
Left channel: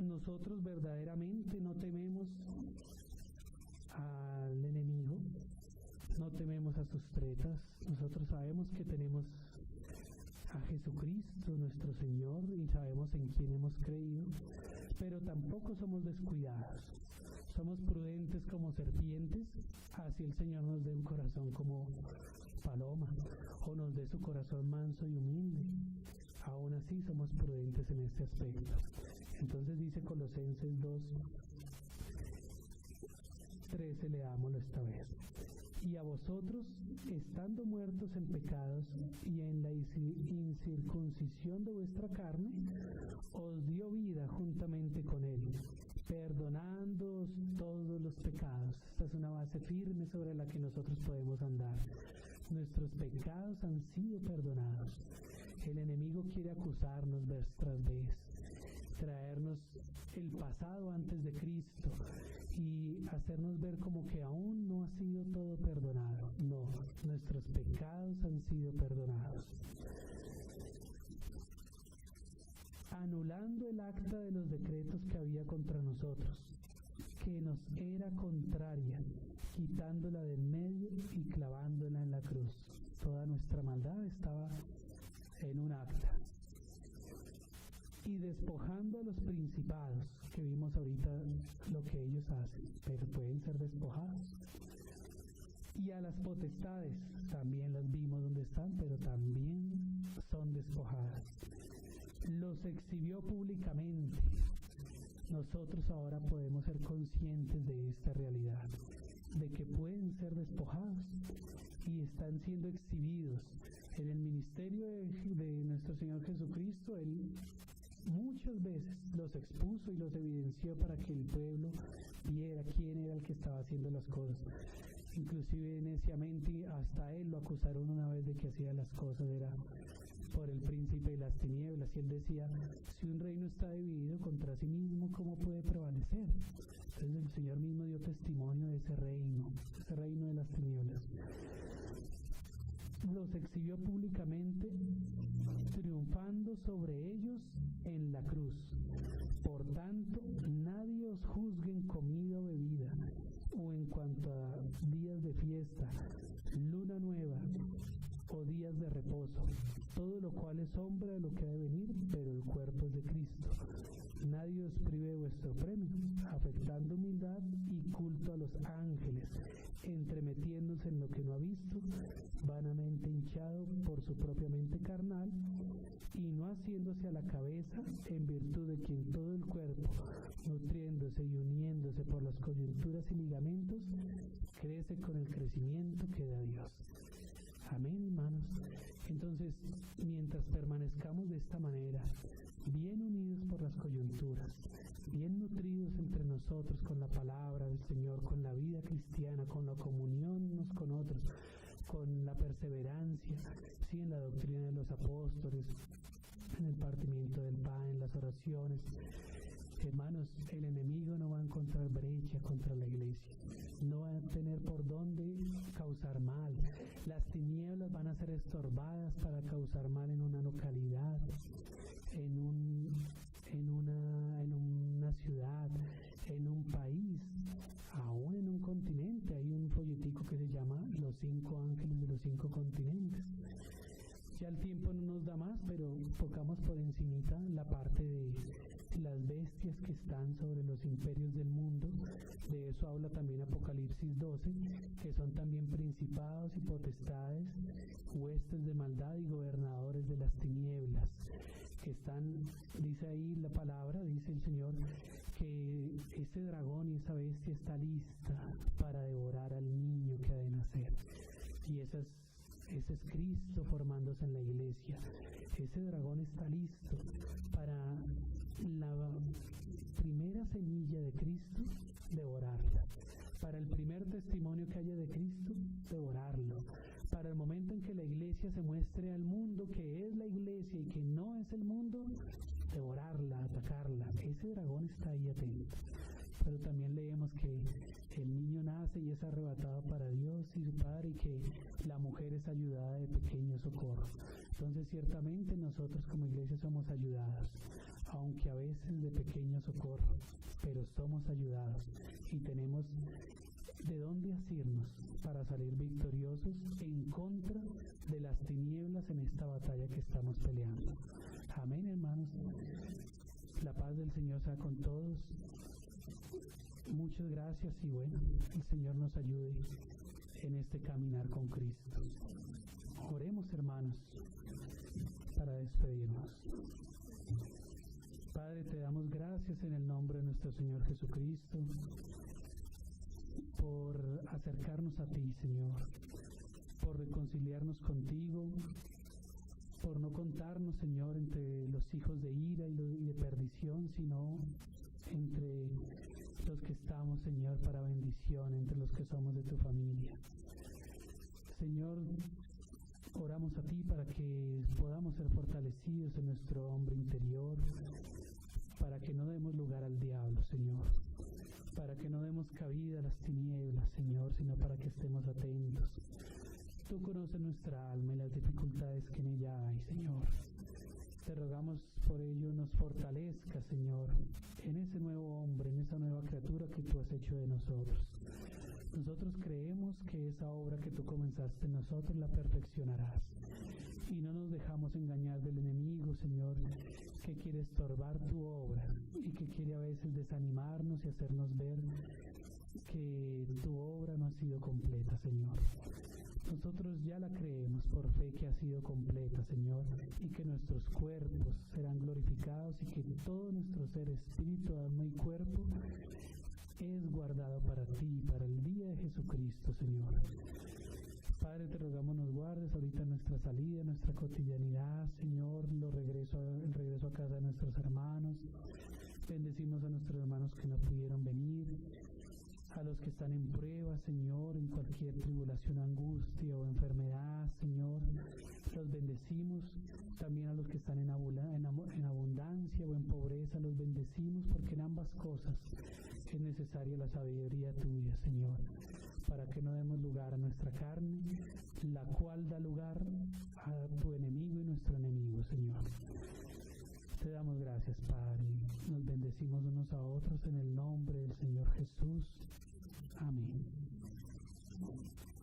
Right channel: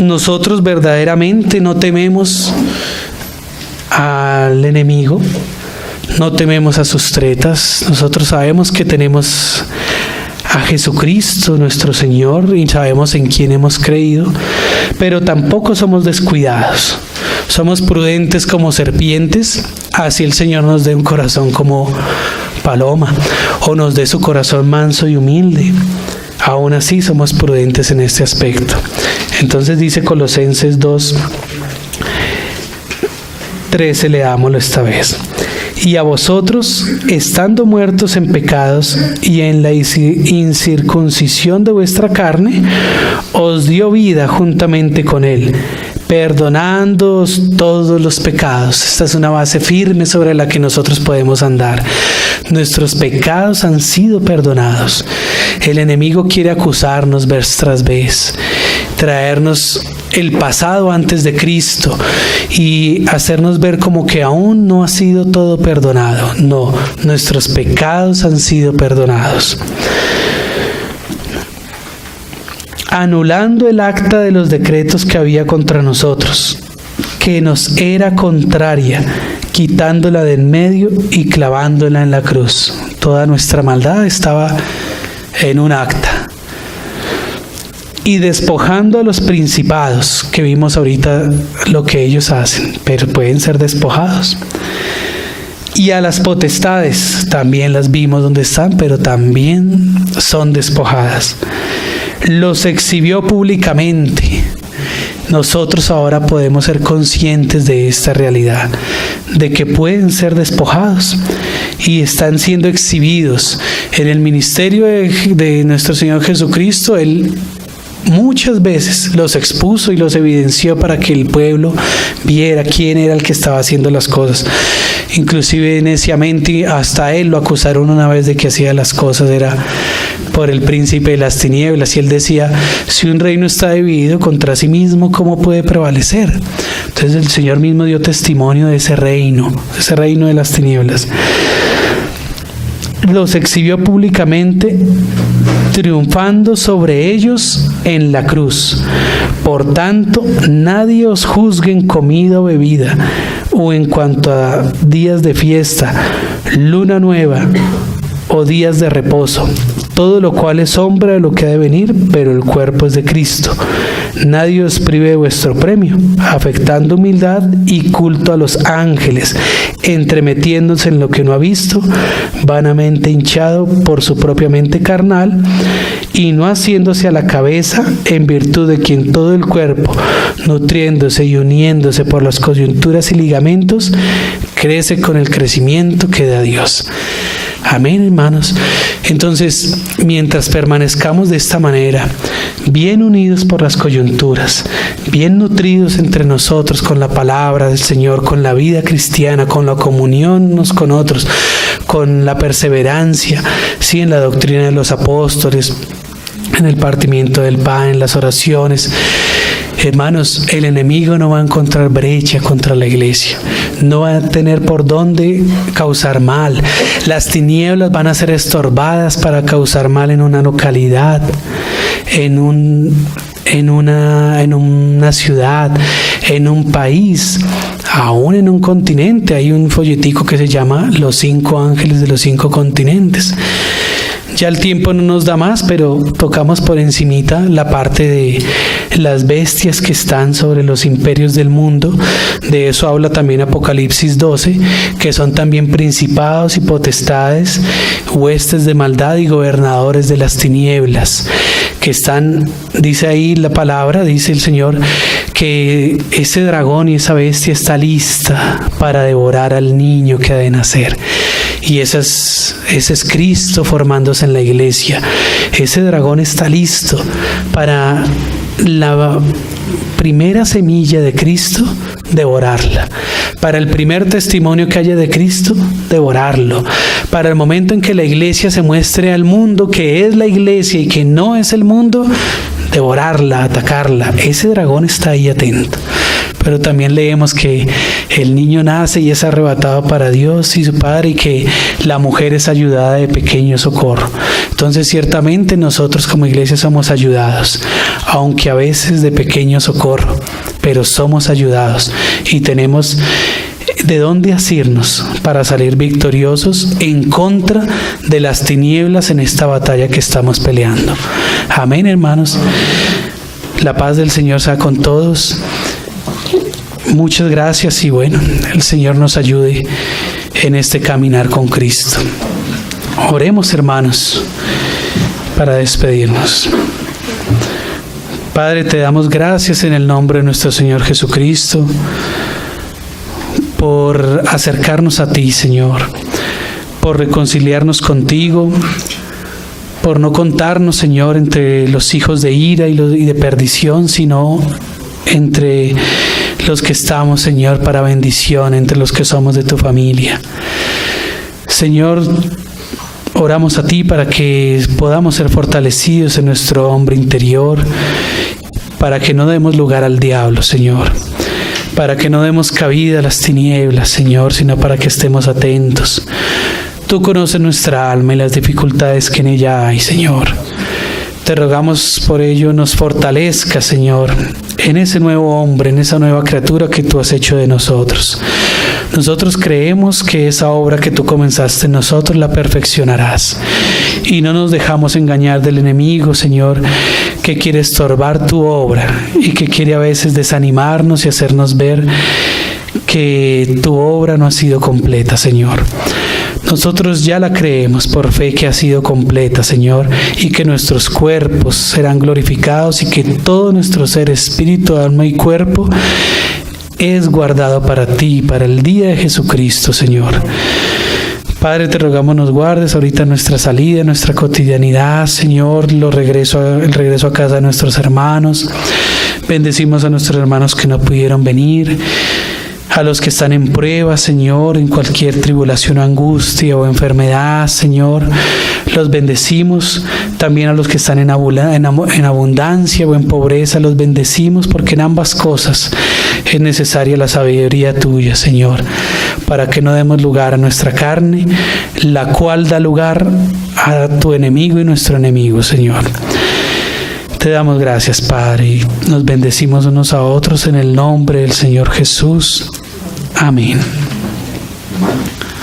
nosotros verdaderamente no tememos al enemigo, no tememos a sus tretas. Nosotros sabemos que tenemos a Jesucristo nuestro Señor y sabemos en quién hemos creído, pero tampoco somos descuidados. Somos prudentes como serpientes, así el Señor nos dé un corazón como paloma, o nos dé su corazón manso y humilde. Aún así somos prudentes en este aspecto. Entonces dice Colosenses 2:13, leámoslo esta vez. Y a vosotros, estando muertos en pecados y en la incircuncisión de vuestra carne, os dio vida juntamente con Él, perdonándoos todos los pecados. Esta es una base firme sobre la que nosotros podemos andar. Nuestros pecados han sido perdonados. El enemigo quiere acusarnos vez tras vez, traernos el pasado antes de Cristo y hacernos ver como que aún no ha sido todo perdonado. No, nuestros pecados han sido perdonados. Anulando el acta de los decretos que había contra nosotros, que nos era contraria, quitándola de en medio y clavándola en la cruz. Toda nuestra maldad estaba en un acta. Y despojando a los principados, que vimos ahorita lo que ellos hacen, pero pueden ser despojados. Y a las potestades, también las vimos donde están, pero también son despojadas. Los exhibió públicamente. Nosotros ahora podemos ser conscientes de esta realidad, de que pueden ser despojados y están siendo exhibidos. En el ministerio de nuestro Señor Jesucristo, Él muchas veces los expuso y los evidenció para que el pueblo viera quién era el que estaba haciendo las cosas. Inclusive neciamente hasta Él lo acusaron una vez de que hacía las cosas era por el príncipe de las tinieblas, y Él decía: si un reino está dividido contra sí mismo, ¿cómo puede prevalecer? Entonces el Señor mismo dio testimonio de ese reino de las tinieblas. Los exhibió públicamente, triunfando sobre ellos en la cruz. Por tanto, nadie os juzgue en comida o bebida, o en cuanto a días de fiesta, luna nueva o días de reposo, todo lo cual es sombra de lo que ha de venir, pero el cuerpo es de Cristo. Nadie os prive de vuestro premio, afectando humildad y culto a los ángeles, entremetiéndose en lo que no ha visto, vanamente hinchado por su propia mente carnal, y no haciéndose a la cabeza, en virtud de quien todo el cuerpo, nutriéndose y uniéndose por las coyunturas y ligamentos, crece con el crecimiento que da Dios. Amén, hermanos. Entonces, mientras permanezcamos de esta manera, bien unidos por las coyunturas, bien nutridos entre nosotros con la palabra del Señor, con la vida cristiana, con la comunión unos con otros, con la perseverancia, sí, en la doctrina de los apóstoles, en el partimiento del pan, en las oraciones. Hermanos, el enemigo no va a encontrar brecha contra la iglesia, no va a tener por dónde causar mal. Las tinieblas van a ser estorbadas para causar mal en una localidad, en una ciudad, en un país, aún en un continente. Hay un folletico que se llama Los 5 ángeles de los 5 continentes. Ya el tiempo no nos da más, pero tocamos por encimita la parte de las bestias que están sobre los imperios del mundo. De eso habla también Apocalipsis 12, que son también principados y potestades, huestes de maldad y gobernadores de las tinieblas, que están, dice ahí la palabra, dice el Señor, que ese dragón y esa bestia está lista para devorar al niño que ha de nacer. Y ese es Cristo formándose en la iglesia. Ese dragón está listo para la primera semilla de Cristo, devorarla. Para el primer testimonio que haya de Cristo, devorarlo. Para el momento en que la iglesia se muestre al mundo que es la iglesia y que no es el mundo, devorarla, atacarla. Ese dragón está ahí atento. Pero también leemos que el niño nace y es arrebatado para Dios y su Padre, y que la mujer es ayudada de pequeño socorro. Entonces, ciertamente nosotros como iglesia somos ayudados, aunque a veces de pequeño socorro, pero somos ayudados y tenemos de dónde asirnos para salir victoriosos en contra de las tinieblas en esta batalla que estamos peleando. Amén, hermanos. La paz del Señor sea con todos. Muchas gracias y bueno, el Señor nos ayude en este caminar con Cristo. Oremos, hermanos, para despedirnos. Padre, te damos gracias en el nombre de nuestro Señor Jesucristo por acercarnos a ti, Señor, por reconciliarnos contigo, por no contarnos, Señor, entre los hijos de ira y de perdición, sino entre los que estamos, Señor, para bendición, entre los que somos de tu familia. Señor, oramos a ti para que podamos ser fortalecidos en nuestro hombre interior, para que no demos lugar al diablo, Señor, para que no demos cabida a las tinieblas, Señor, sino para que estemos atentos. Tú conoces nuestra alma y las dificultades que en ella hay, Señor. Te rogamos por ello nos fortalezca, Señor, en ese nuevo hombre, en esa nueva criatura que tú has hecho de nosotros. Nosotros creemos que esa obra que tú comenzaste en nosotros la perfeccionarás. Y no nos dejamos engañar del enemigo, Señor, que quiere estorbar tu obra y que quiere a veces desanimarnos y hacernos ver que tu obra no ha sido completa, Señor. Nosotros ya la creemos por fe que ha sido completa, Señor, y que nuestros cuerpos serán glorificados y que todo nuestro ser, espíritu, alma y cuerpo es guardado para ti, para el día de Jesucristo, Señor. Padre, te rogamos nos guardes ahorita nuestra salida, nuestra cotidianidad, Señor, el regreso a casa de nuestros hermanos. Bendecimos a nuestros hermanos que no pudieron venir, a los que están en prueba, Señor, en cualquier tribulación o angustia o enfermedad, Señor, los bendecimos. También a los que están en abundancia o en pobreza, los bendecimos, porque en ambas cosas es necesaria la sabiduría tuya, Señor, para que no demos lugar a nuestra carne, la cual da lugar a tu enemigo y nuestro enemigo, Señor. Te damos gracias, Padre, y nos bendecimos unos a otros en el nombre del Señor Jesús. Amén.